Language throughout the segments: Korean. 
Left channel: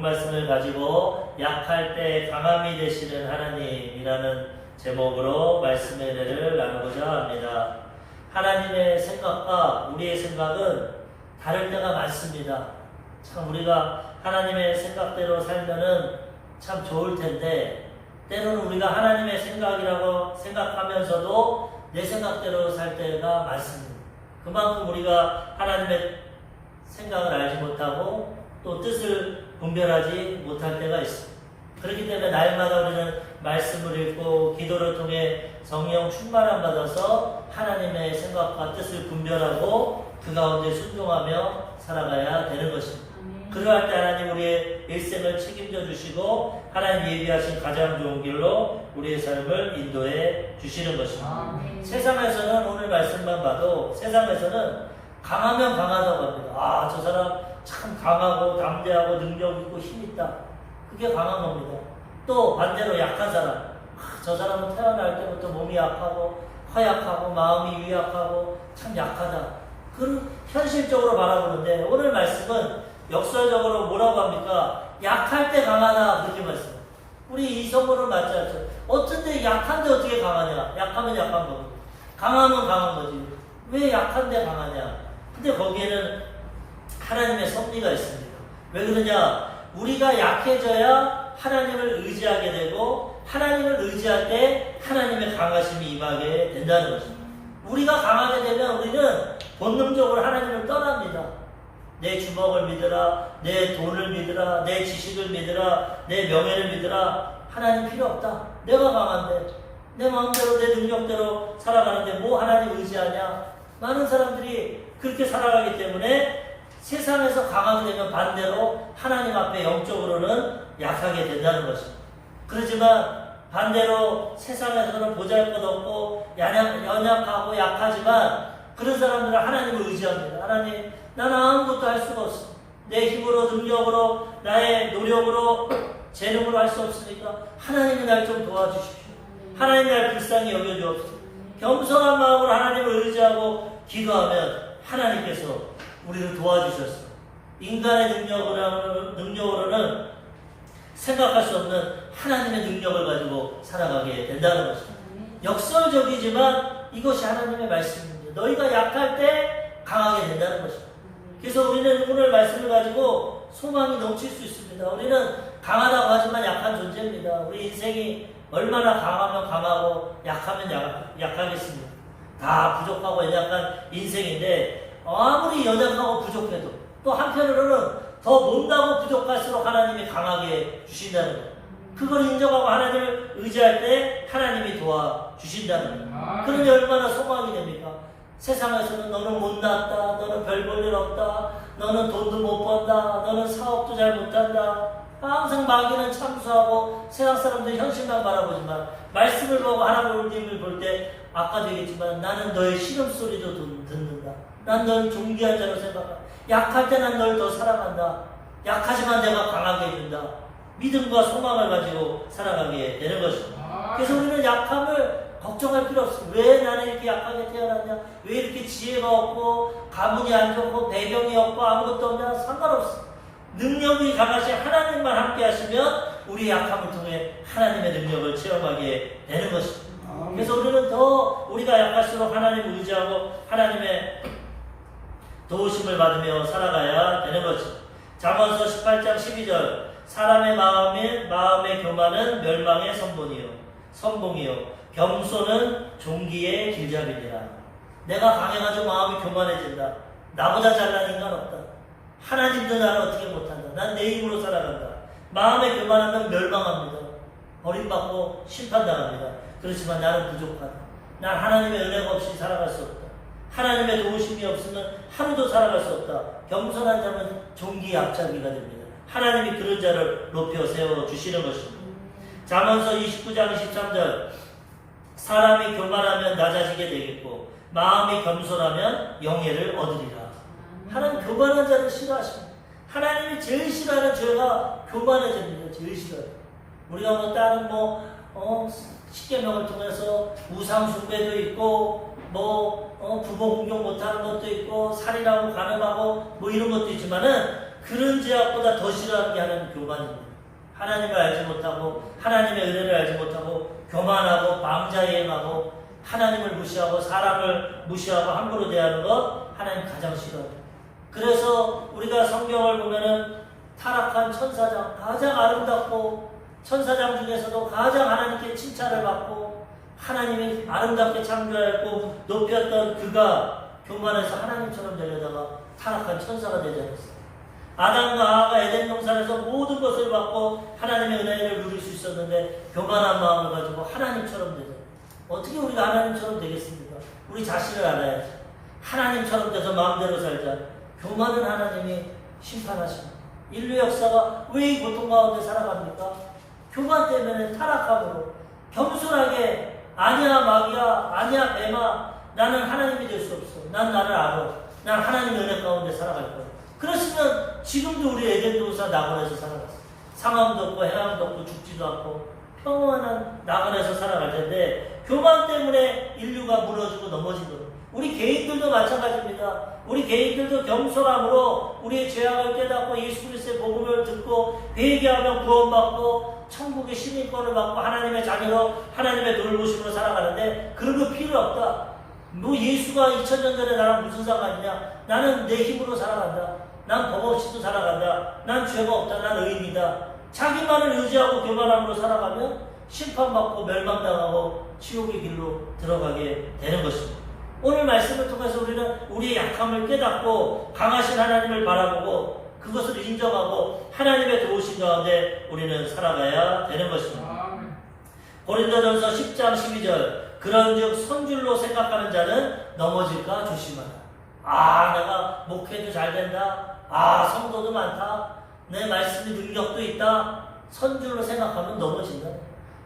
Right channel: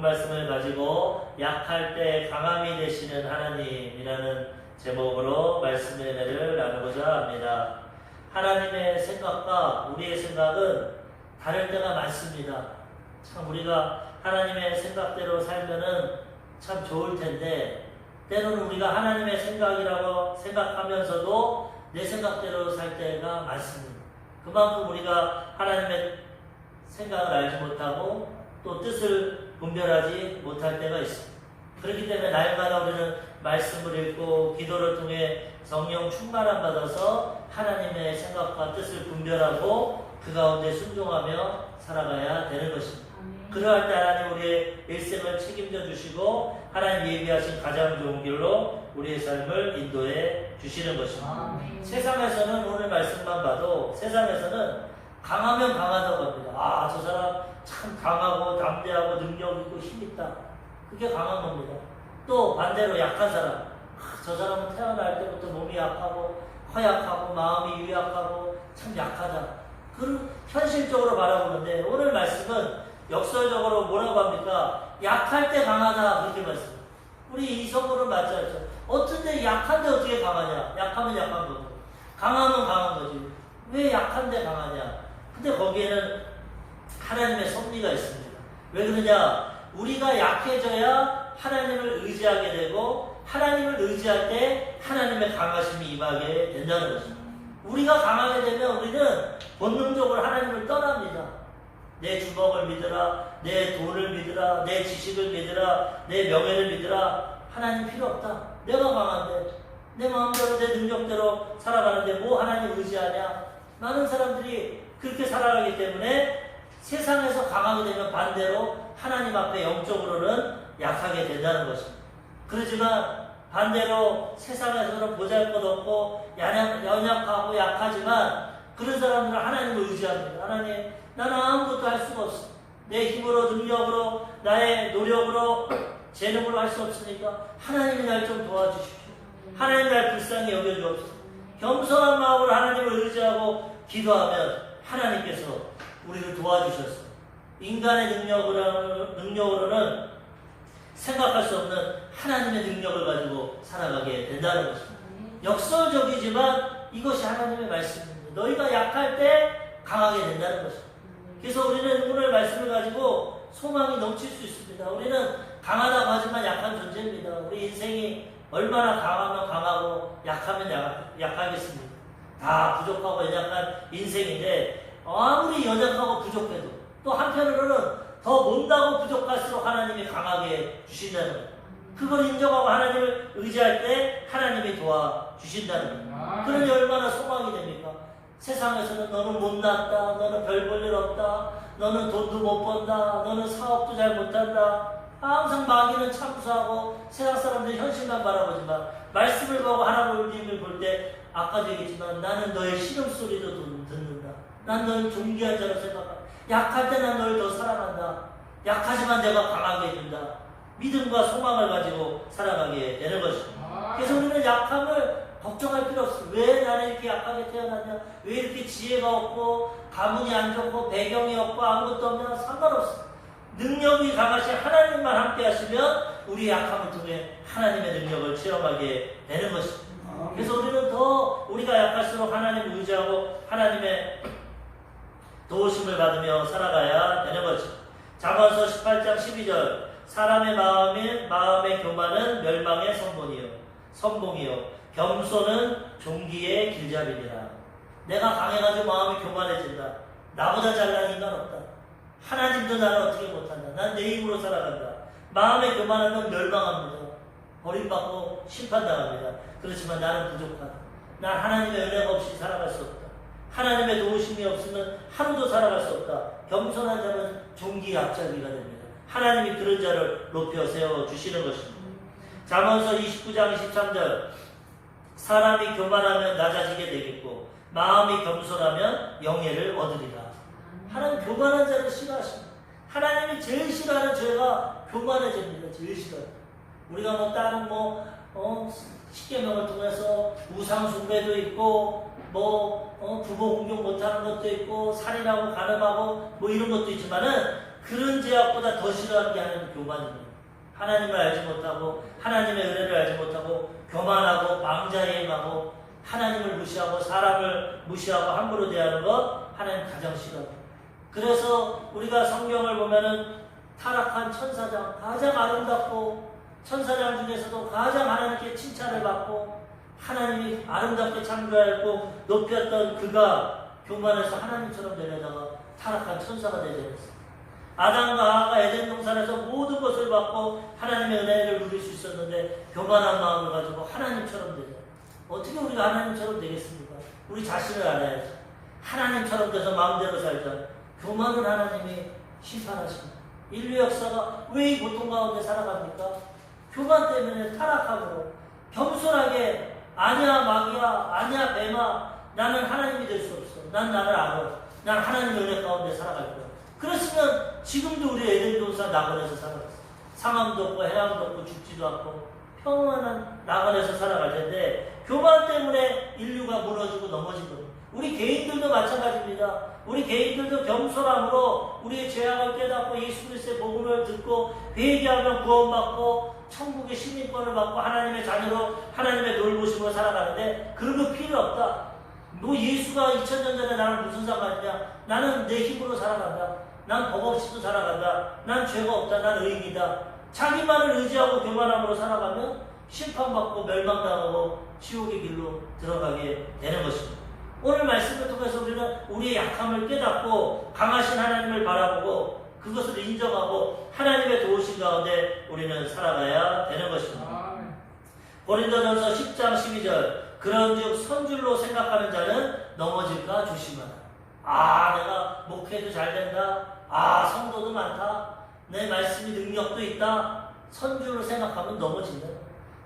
본 말씀을 가지고 약할 때 강함이 되시는 하나님이라는 제목으로 말씀의 은혜를 나누고자 합니다. 하나님의 생각과 우리의 생각은 다를 때가 많습니다. 참 우리가 하나님의 생각대로 살면은 참 좋을 텐데, 때로는 우리가 하나님의 생각이라고 생각하면서도 내 생각대로 살 때가 많습니다. 그만큼 우리가 하나님의 생각을 알지 못하고 또 뜻을 분별하지 못할 때가 있습니다. 그렇기 때문에 날마다 우리는 말씀을 읽고 기도를 통해 성령 충만함 받아서 하나님의 생각과 뜻을 분별하고 그 가운데 순종하며 살아가야 되는 것입니다. 그러할 때 하나님 우리의 일생을 책임져 주시고 하나님 예비하신 가장 좋은 길로 우리의 삶을 인도해 주시는 것입니다. 세상에서는 오늘 말씀만 봐도 세상에서는 강하면 강하다고 합니다. 아, 저 사람 참 강하고 담대하고 능력 있고 힘 있다. 그게 강한 겁니다. 또 반대로 약한 사람, 저 사람은 태어날 때부터 몸이 약하고 허약하고 마음이 유약하고 참 약하다. 그런 현실적으로 바라보는데 오늘 말씀은 역설적으로 뭐라고 합니까? 약할 때 강하다 그렇게 말씀해요. 우리 이성으로 맞지 않죠? 어쩐데 약한데 어떻게 강하냐? 약하면 약한 거고 강하면 강한 거지. 왜 약한데 강하냐? 근데 거기에는 하나님의 섭리가 있습니다. 왜 그러냐? 우리가 약해져야 하나님을 의지하게 되고 하나님을 의지할 때 하나님의 강하심이 임하게 된다는 것입니다. 우리가 강하게 되면 우리는 본능적으로 하나님을 떠납니다. 내 주먹을 믿으라, 내 돈을 믿으라, 내 지식을 믿으라, 내 명예를 믿으라. 하나님 필요 없다. 내가 강한데 내 마음대로 내 능력대로 살아가는데 뭐 하나님 의지하냐? 많은 사람들이 그렇게 살아가기 때문에 세상에서 강하게 되면 반대로 하나님 앞에 영적으로는 약하게 된다는 것입니다. 그렇지만 반대로 세상에서는 보잘것없고 연약하고 약하지만 그런 사람들은 하나님을 의지합니다. 하나님, 나는 아무것도 할 수가 없어. 내 힘으로, 능력으로, 나의 노력으로, 재능으로 할 수 없으니까 하나님이 날 좀 도와주십시오. 하나님이 날 불쌍히 여겨주옵소서. 겸손한 마음으로 하나님을 의지하고 기도하면 하나님께서 우리를 도와주셔서 인간의 능력으로는 생각할 수 없는 하나님의 능력을 가지고 살아가게 된다는 것입니다. 역설적이지만 이것이 하나님의 말씀입니다. 너희가 약할 때 강하게 된다는 것입니다. 그래서 우리는 오늘 말씀을 가지고 소망이 넘칠 수 있습니다. 우리는 강하다고 하지만 약한 존재입니다. 우리 인생이 얼마나 강하면 강하고 약하면 약하겠습니까? 다 부족하고 연약한 인생인데 아무리 연약하고 부족해도 또 한편으로는 더 못나고 부족할수록 하나님이 강하게 주신다는 거예요. 그걸 인정하고 하나님을 의지할 때 하나님이 도와주신다는 거예요. 그러면 얼마나 소망이 됩니까? 세상에서는 너는 못났다, 너는 별 볼 일 없다, 너는 돈도 못 번다, 너는 사업도 잘 못한다. 항상 마귀는 참수하고 세상 사람들이 현실만 바라보지만 말씀을 보고 하나님을 볼 때 아까도 얘기했지만 나는 너의 신음소리도 듣는다. 난 널 존귀한 자로 생각한다. 약할 때 난 널 더 사랑한다. 약하지만 내가 강하게 해준다. 믿음과 소망을 가지고 살아가게 되는 것입니다. 그래서 우리는 약함을 걱정할 필요 없습니다. 왜 나는 이렇게 약하게 태어났냐? 왜 이렇게 지혜가 없고 가문이 안 좋고 배경이 없고 아무것도 없냐? 상관없습니다. 능력이 강하신 하나님만 함께 하시면 우리 약함을 통해 하나님의 능력을 체험하게 되는 것입니다. 그래서 우리는 더 우리가 약할수록 하나님을 의지하고 하나님의 도우심을 받으며 살아가야 되는 것입니다. 잠언서 18장 12절 사람의 마음의 교만은 멸망의 선봉이요 겸손은 종기의 길잡이니라. 내가 강해가지고 마음이 교만해진다. 나보다 잘난 인간 없다. 하나님도 나를 어떻게 못한다. 난 내 힘으로 살아간다. 마음에 교만하면 멸망합니다. 버림받고 심판당합니다. 그렇지만 나는 부족하다. 난 하나님의 은혜가 없이 살아갈 수 없다. 하나님의 도우심이 없으면 하루도 살아갈 수 없다. 겸손한 자는 종기의 앞잡이가 됩니다. 하나님이 그런 자를 높여 세워주시는 것입니다. 잠언서 29장 23절 사람이 교만하면 낮아지게 되겠고 마음이 겸손하면 영예를 얻으리라. 하나님 교만한 자를 싫어하십니다. 하나님이 제일 싫어하는 죄가 교만해집니다. 제일 싫어요. 우리가 뭐 다른 십계명을 통해서 우상 숭배도 있고 부모 공경 못하는 것도 있고 살인하고 간음하고 이런 것도 있지만은 그런 죄악보다 더 싫어하는 게 하나님 교만입니다. 하나님을 알지 못하고 하나님의 은혜를 알지 못하고 교만하고 망자행하고 하나님을 무시하고 사람을 무시하고 함부로 대하는 것 하나님 가장 싫어합니다. 그래서 우리가 성경을 보면은 타락한 천사장 가장 아름답고 천사장 중에서도 가장 하나님께 칭찬을 받고 하나님이 아름답게 창조하였고 높였던 그가 교만해서 하나님처럼 되려다가 타락한 천사가 되지 않았어요. 아담과 하와가 에덴 동산에서 모든 것을 받고 하나님의 은혜를 누릴 수 있었는데 교만한 마음을 가지고 하나님처럼 되죠. 어떻게 우리가 하나님처럼 되겠습니까? 우리 자신을 알아야지. 하나님처럼 돼서 마음대로 살자. 교만은 하나님이 심판하십니다. 인류 역사가 왜 이 고통 가운데 살아갑니까? 교만 때문에 타락함으로 겸손하게 아니야 마귀야 아니야 뱀아 나는 하나님이 될 수 없어. 난 나를 알아. 난 하나님의 은혜 가운데 살아갈 거야. 그랬으면 지금도 우리 에덴 동산 낙원에서 살아갔어. 상함도 없고 해함도 없고 죽지도 않고 평안한 낙원에서 살아갈 텐데 교만 때문에 인류가 무너지고 넘어진 겁니다. 우리 개인들도 마찬가지입니다. 우리 개인들도 겸손함으로 우리의 죄악을 깨닫고 예수 그리스도의 복음을 듣고 회개하면 구원받고 천국의 시민권을 받고 하나님의 자녀로 하나님의 돌보심으로 살아가는데 그런 거 필요 없다. 너 예수가 2000년 전에 나랑 무슨 상관이냐? 나는 내 힘으로 살아간다. 난 법 없이도 살아간다. 난 죄가 없다. 난 의인이다. 자기만을 의지하고 교만함으로 살아가면 심판받고 멸망당하고 지옥의 길로 들어가게 되는 것입니다. 오늘 말씀을 통해서 우리는 우리의 약함을 깨닫고 강하신 하나님을 바라보고 그것을 인정하고 하나님의 도우심 가운데 우리는 살아가야 되는 것입니다. 고린도전서 10장 12절 그런즉 선줄로 생각하는 자는 넘어질까 조심하라. 내가 목회도 잘 된다. 성도도 많다. 내 말씀이 능력도 있다. 선줄로 생각하면 넘어진다.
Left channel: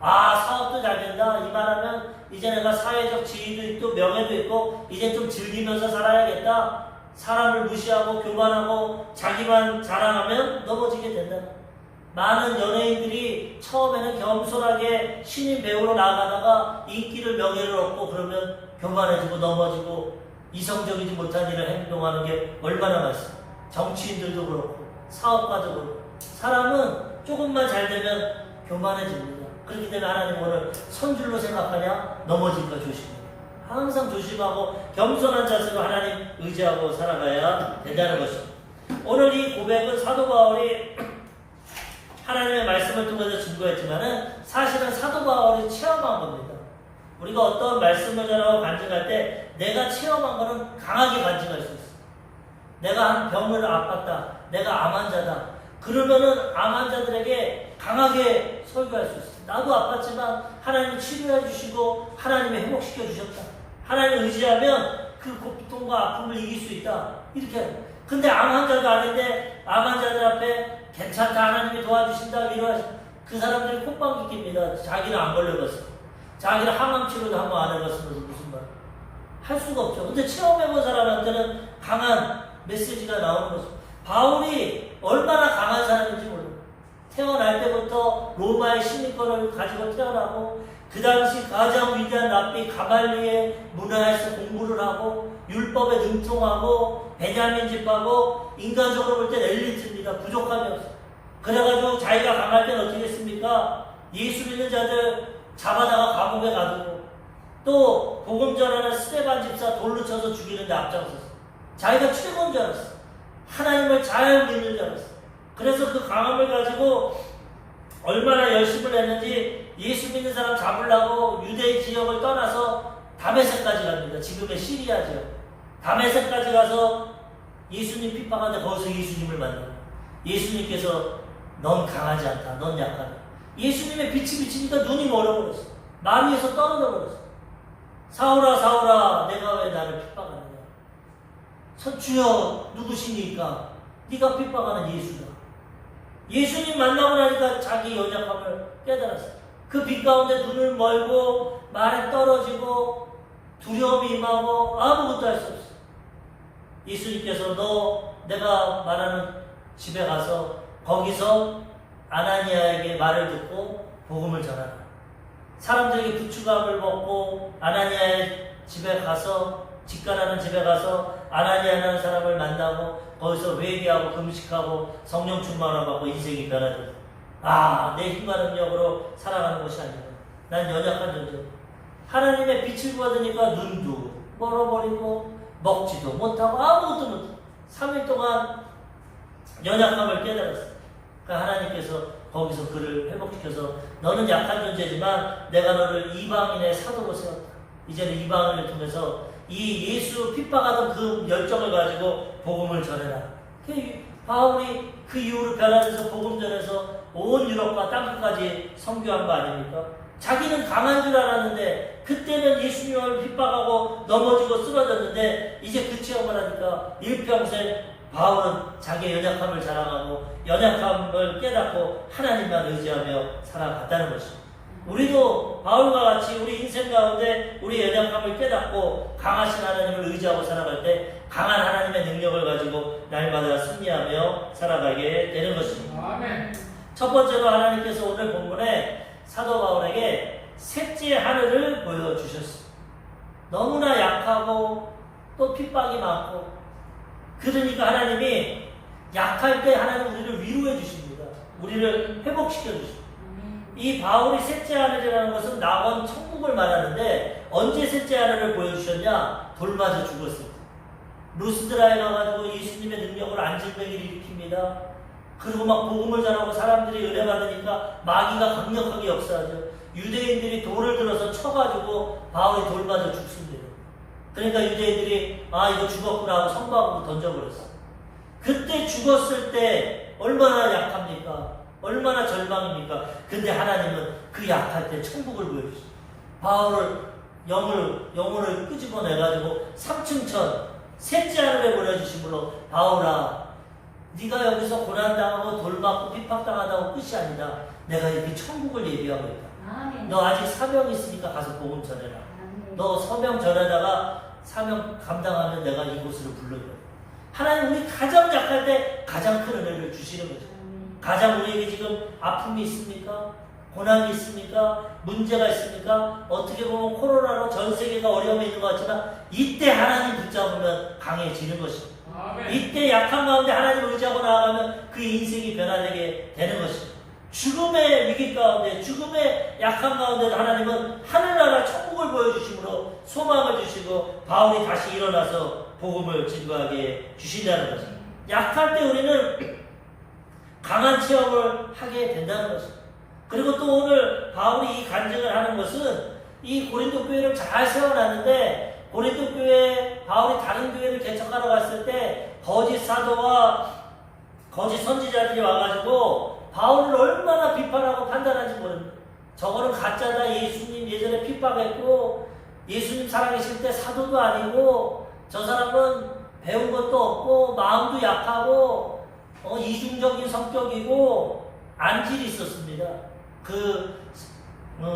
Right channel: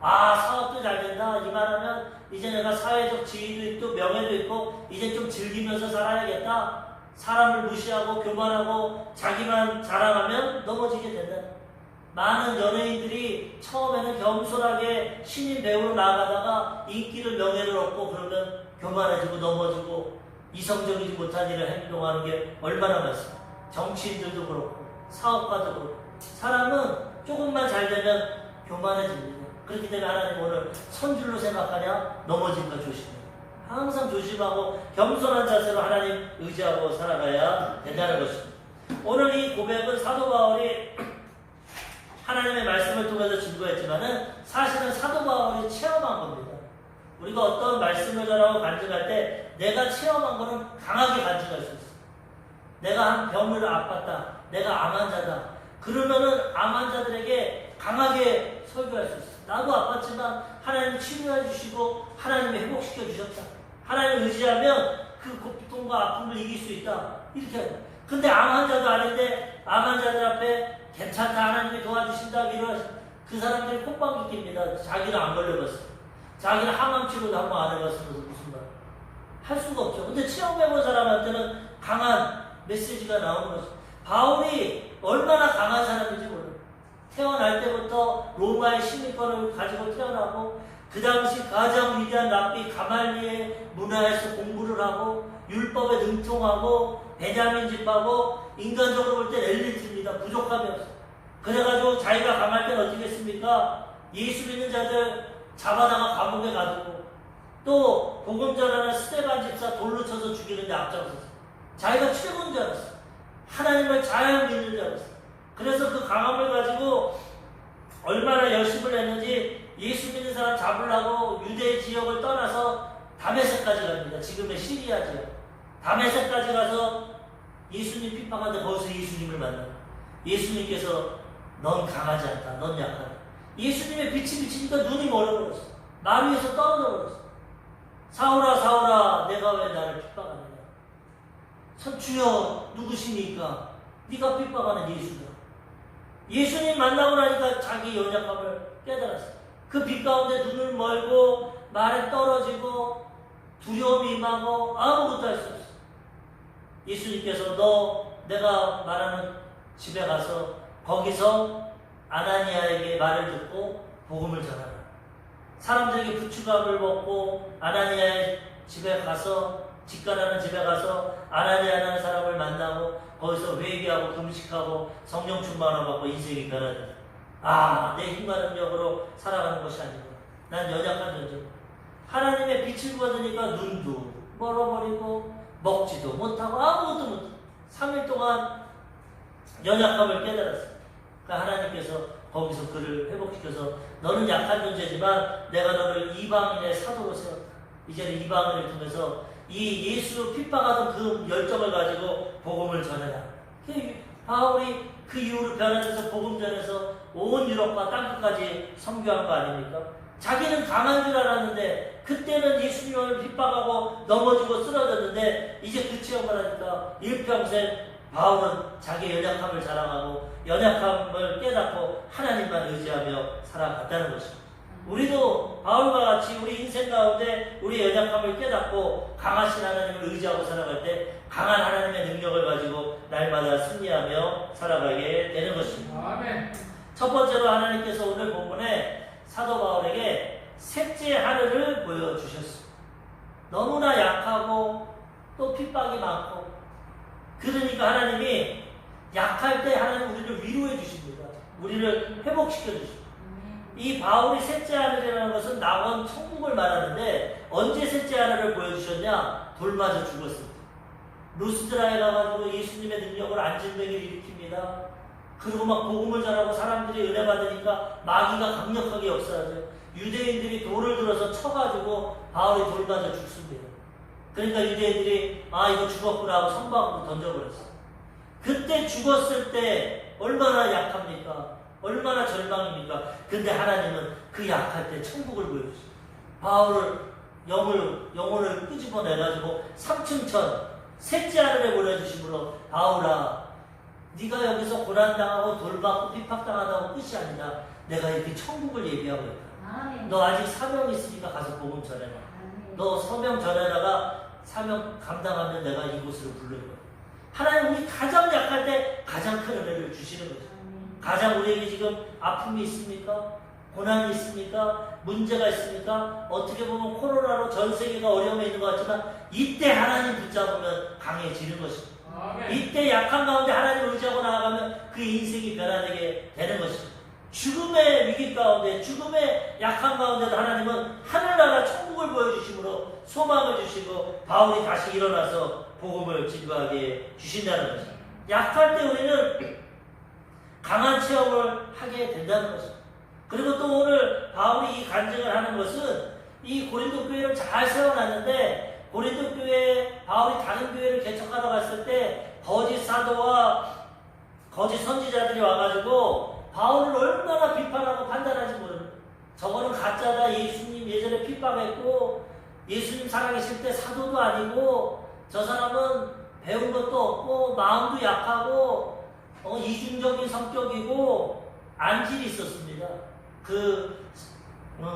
사업도 잘 된다. 이 말하면 이제 내가 사회적 지위도 있고 명예도 있고 이제 좀 즐기면서 살아야겠다. 사람을 무시하고 교만하고 자기만 자랑하면 넘어지게 된다. 많은 연예인들이 처음에는 겸손하게 신인 배우로 나아가다가 인기를 명예를 얻고 그러면 교만해지고 넘어지고 이성적이지 못한 일을 행동하는 게 얼마나 많습니까? 정치인들도 그렇고 사업가도 그렇고 사람은 조금만 잘 되면 교만해집니다. 그렇기 때문에 하나님 오늘 선줄로 생각하냐 넘어질까 조심해. 항상 조심하고 겸손한 자세로 하나님 의지하고 살아가야 된다는 것입니다. 오늘 이 고백은 사도 바울이 하나님의 말씀을 통해서 증거했지만은 사실은 사도 바울이 체험한 겁니다. 우리가 어떤 말씀을 전하고 간증할 때 내가 체험한 거는 강하게 간증할 수 있어. 내가 한 병을 아팠다. 내가 암 환자다. 그러면은 암 환자들에게 강하게 설교할 수 있어. 나도 아팠지만 하나님이 치료해 주시고 하나님이 회복시켜 주셨다. 하나님을 의지하면 그 고통과 아픔을 이길 수 있다. 이렇게 해요. 근데 암 환자도 아닌데 암 환자들 앞에 괜찮다. 하나님이 도와주신다. 위로하신다. 그 사람들이 콧방귀 낍니다. 자기는 안 걸려봤어. 자기는 항암 치료도 한 번 안 해봤으면서 무슨 말. 할 수가 없죠. 근데 체험해본 사람한테는 강한 메시지가 나오는 거죠. 바울이 얼마나 강한 사람인지 몰라요. 태어날 때부터 로마의 시민권을 가지고 태어나고 그 당시 가장 위대한 랍비 가말리의 문화에서 공부를 하고 율법에 능통하고 베냐민 집하고 인간적으로 볼 때 엘리트입니다. 부족함이 없어요. 그래가지고 자기가 강할 때는 어떻게 했습니까? 예수 믿는 자들 잡아다가 감옥에 가두고 또 복음 전하는 스데반 집사 돌로 쳐서 죽이는 데 앞장섰어요. 자기가 최고인 줄 알았어. 하나님을 잘 믿는 줄 알았어. 그래서 그 강함을 가지고 얼마나 열심을 했는지 예수 믿는 사람 잡으려고 유대 지역을 떠나서 다메섹까지 갑니다. 지금의 시리아 지역. 다메섹까지 가서 예수님 핍박하는데 거기서 예수님을 만나요. 예수님께서 넌 강하지 않다. 넌 약하다. 예수님의 빛이 비치니까 눈이 멀어버렸어. 마음 위에서 떨어져 버렸어. 사울아 사울아 내가 왜 나를 핍박하느냐. 주여 누구십니까? 네가 핍박하는 예수다. 예수님 만나고 나니까 자기 연약함을 깨달았어요. 그 빛 가운데 눈을 멀고 말에 떨어지고 두려움이 임하고 아무것도 할 수 없어요. 예수님께서 너 내가 말하는 집에 가서 거기서 아나니아에게 말을 듣고 복음을 전하라. 사람들에게 부추감을 먹고 아나니아의 집에 가서 직관하는 집에 가서 아나니아라는 사람을 만나고 거기서 회개하고 금식하고 성령 충만을 받고 인생이 변화된다. 아, 내 힘과 능력으로 살아가는 것이 아니라 난 연약한 존재. 하나님의 빛을 받으니까 눈도 멀어버리고 먹지도 못하고 아무것도 못하고 3일 동안 연약함을 깨달았어요. 그러니까 하나님께서 거기서 그를 회복시켜서 너는 약한 존재지만 내가 너를 이방인의 사도로 세웠다. 이제는 이방인을 통해서 이 예수 핍박하던 그 열정을 가지고 복음을 전해라. 바울이 그 이후로 변화돼서 복음 전해서 온 유럽과 땅끝까지 선교한 거 아닙니까? 자기는 강한 줄 알았는데 그때는 예수님을 핍박하고 넘어지고 쓰러졌는데 이제 그 체험을 하니까 일평생 바울은 자기의 연약함을 자랑하고 연약함을 깨닫고 하나님만 의지하며 살아갔다는 것입니다. 우리도 바울과 같이 우리 인생 가운데 우리의 연약함을 깨닫고 강하신 하나님을 의지하고 살아갈 때 강한 하나님의 능력을 가지고 날마다 승리하며 살아가게 되는 것입니다. 아멘. 첫 번째로 하나님께서 오늘 본문에 사도 바울에게 셋째 하늘을 보여주셨습니다. 너무나 약하고 또 핍박이 많고 그러니까 하나님이 약할 때 하나님 우리를 위로해 주십니다. 우리를 회복시켜 주십니다. 이 바울이 셋째 하늘이라는 것은 낙원 천국을 말하는데 언제 셋째 하늘을 보여주셨냐? 돌 맞아 죽었을 때. 루스드라에 가가지고 예수님의 능력을 안진뱅이를 일으킵니다. 그리고 막 복음을 전하고 사람들이 은혜 받으니까 마귀가 강력하게 역사하죠. 유대인들이 돌을 들어서 쳐가지고 바울이 돌 맞아 죽습니다. 그러니까 유대인들이 아 이거 죽었구나 하고 성박으로 던져버렸어요. 그때 죽었을 때 얼마나 약합니까? 얼마나 절망입니까? 근데 하나님은 그 약할 때 천국을 보여주시죠. 바울을 영혼을 끄집어내가지고 3층천 셋째 하늘에 보내주심으로 바울아 네가 여기서 고난당하고 돌맞고 핍박당하다고 끝이 아니다. 내가 이렇게 천국을 예비하고 있다. 아멘. 너 아직 사명 있으니까 가서 복음 전해라. 아멘. 너 사명 전하다가 사명 감당하면 내가 이곳으로 부르는 거야. 하나님 우리 가장 약할 때 가장 큰 은혜를 주시는 거죠. 가장 우리에게 지금 아픔이 있습니까? 고난이 있습니까? 문제가 있습니까? 어떻게 보면 코로나로 전 세계가 어려움에 있는 것 같지만 이때 하나님 붙잡으면 강해지는 것입니다. 아멘. 이때 약한 가운데 하나님 의지하고 나아가면 그 인생이 변화되게 되는 것입니다. 죽음의 위기 가운데 죽음의 약한 가운데도 하나님은 하늘나라 천국을 보여주심으로 소망을 주시고 바울이 다시 일어나서 복음을 진도하게 주신다는 것입니다. 약할 때 우리는 강한 체험을 하게 된다는 것입니다. 그리고 또 오늘 바울이 이 간증을 하는 것은 이 고린도 교회를 잘 세워놨는데 고린도 교회 바울이 다른 교회를 개척하러 갔을 때 거짓 사도와 거짓 선지자들이 와가지고 바울을 얼마나 비판하고 판단하는지 모릅니다. 저거는 가짜다. 예수님 예전에 핍박했고 예수님 살아계실 때 사도도 아니고 저 사람은 배운 것도 없고 마음도 약하고 이중적인 성격이고 안질이 있었습니다.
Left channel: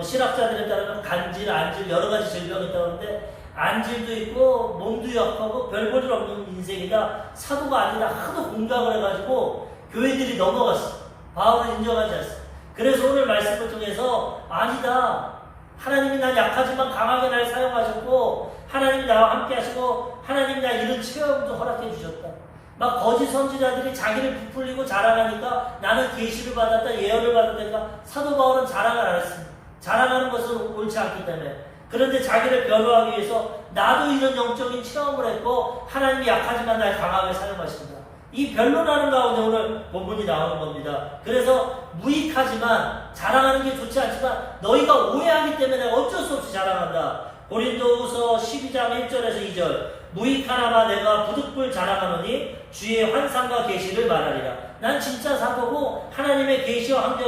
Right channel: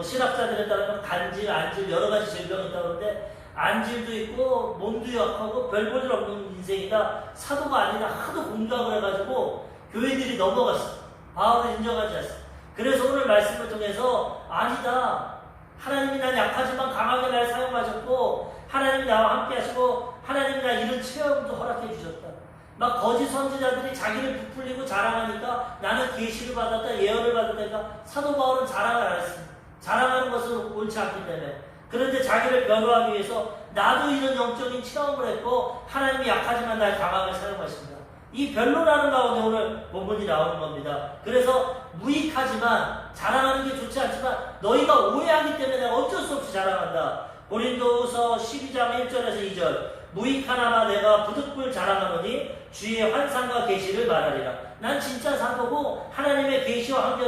신학자들에 따르면 간질, 안질 여러 가지 질병이 있다고 하는데 안질도 있고 몸도 약하고 별 볼 일 없는 인생이다. 사도가 아니라 하도 공격을 해가지고 교회들이 넘어갔어. 바울을 인정하지 않았어. 그래서 오늘 말씀을 통해서 아니다. 하나님이 난 약하지만 강하게 날 사용하셨고 하나님이 나와 함께 하시고 하나님이 나 이런 체험도 허락해 주셨다. 막 거짓 선지자들이 자기를 부풀리고 자랑하니까 나는 계시를 받았다, 예언을 받았다니까 사도 바울은 자랑을 안 했습니다. 자랑하는 것은 옳지 않기 때문에. 그런데 자기를 변호하기 위해서 나도 이런 영적인 체험을 했고 하나님이 약하지만 날 강하게 사용하신다. 이 변론하는 가운데 오늘 본문이 나오는 겁니다. 그래서 무익하지만 자랑하는 게 좋지 않지만 너희가 오해하기 때문에 어쩔 수 없이 자랑한다. 고린도후서 12장 1절에서 2절 무익하나마 내가 부득불 자랑하노니 주의 환상과 계시를 말하리라. 난 진짜 사도고 하나님의 계시와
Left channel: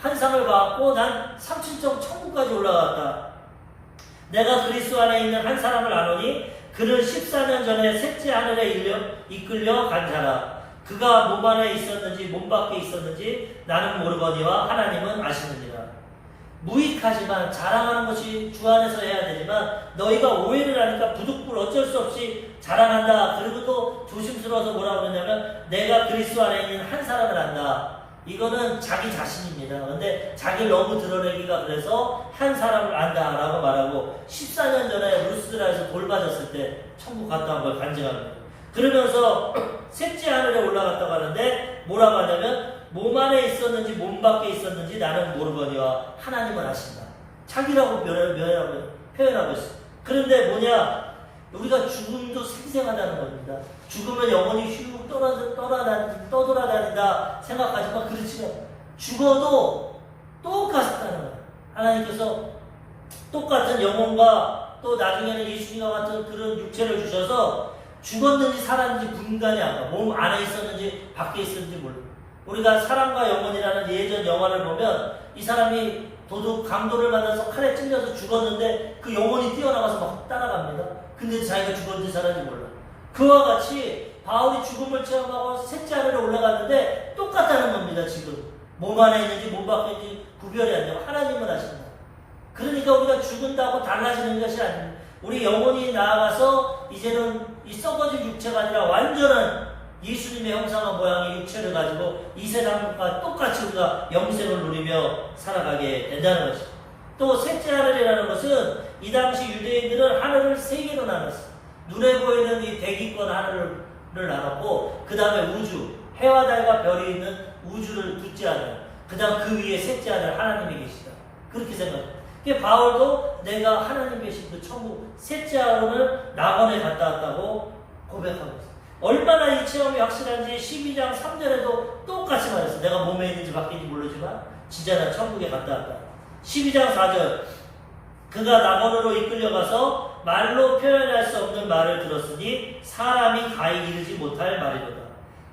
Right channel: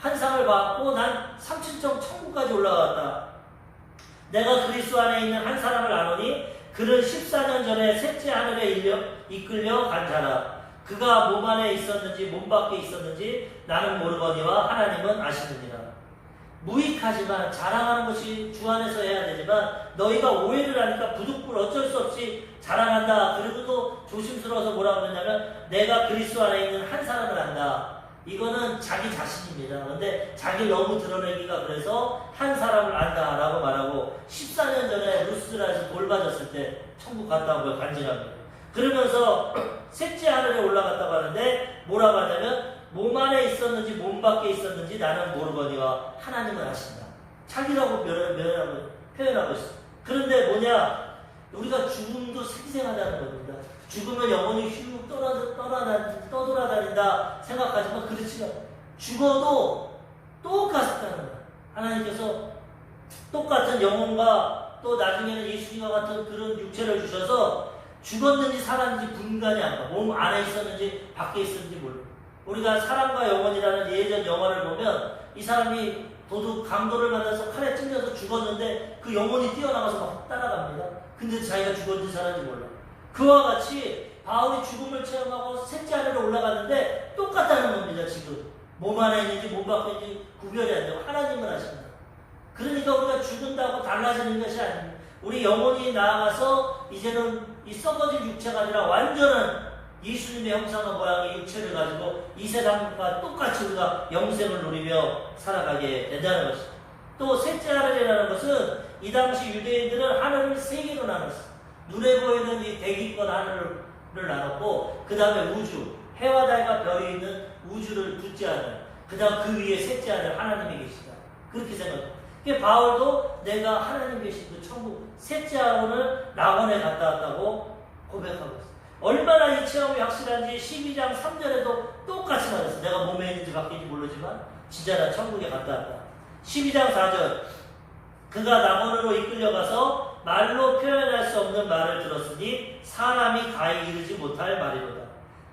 환상을 받고 난 3층 천국까지 올라갔다. 내가 그리스도 안에 있는 한 사람을 아노니 그는 14년 전에 셋째 하늘에 이끌려 간 자라. 그가 몸 안에 있었는지 몸 밖에 있었는지 나는 모르거니와 하나님은 아시느니라. 무익하지만 자랑하는 것이 주 안에서 해야 되지만 너희가 오해를 하니까 부득불 어쩔 수 없이 자랑한다. 그리고 또 조심스러워서 뭐라고 그러냐면 내가 그리스도 안에 있는 한 사람을 안다. 이거는 자기 자신입니다. 근데 자기를 너무 드러내기가 그래서 한 사람을 안다라고 말하고 14년 전에 루스드라에서 돌 맞았을 때 천국 갔다 온 걸 간증합니다. 그러면서 셋째 하늘에 올라갔다고 하는데 뭐라고 하냐면 몸 안에 있었는지 몸 밖에 있었는지 나는 모르거니와 하나님은 아신다. 자기라고 표현하고 있어. 그런데 뭐냐? 우리가 죽음도 생생하다는 겁니다. 죽으면 영혼이 휙 떠돌아다닌다 생각하지만 그렇지 않아. 죽어도 똑같다는 거예요. 하나님께서 똑같은 영혼과 또 나중에는 예수님과 같은 그런 육체를 주셔서 죽었는지 살았는지 분간이 안 가. 몸 안에 있었는지 밖에 있었는지 몰라. 우리가 사랑과 영혼이라는 예전 영화를 보면 이 사람이 도둑 강도를 만나서 칼에 찔려서 죽었는데 그 영혼이 뛰어나가서 막 따라갑니다. 근데 자기가 죽었는지 살았는지 몰라. 그와 같이 바울이 죽음을 체험하고 셋째 하늘에 올라갔는데 똑같다는 겁니다. 지금 몸 안에 있는지 몸 밖에 있는지 구별이 안 되고 하나님을 아신다. 그러니까 우리가 죽은다고 달라지는 것이 아닙니다. 우리 영혼이 나아가서 이제는 이 썩어질 육체가 아니라 완전한 예수님의 형상과 모양의 육체를 가지고 이 세상과 똑같이 우리가 영생을 누리며 살아가게 된다는 것입니다. 또 셋째 하늘이라는 것은 이 당시 유대인들은 하늘을 세 개로 나눴어요. 눈에 보이는 이 대기권 하늘을 나눴고 그 다음에 우주, 해와 달과 별이 있는 우주를 둘째 하늘, 그 다음 그 위에 셋째 하늘 하나님이 계시다. 그렇게 생각합니다. 바울도 내가 하나님 계신 그 천국 셋째 하늘을 낙원에 갔다 왔다고 고백하고 있어요. 얼마나 이 체험이 확실한지 12장 3절에도 똑같이 말했어. 내가 몸에 있는지 밖에 있는지 모르지만 진짜 나 천국에 갔다 왔다. 12장 4절 그가 낙원으로 이끌려가서 말로 표현할 수 없는 말을 들었으니 사람이 가히 이르지 못할 말이로다.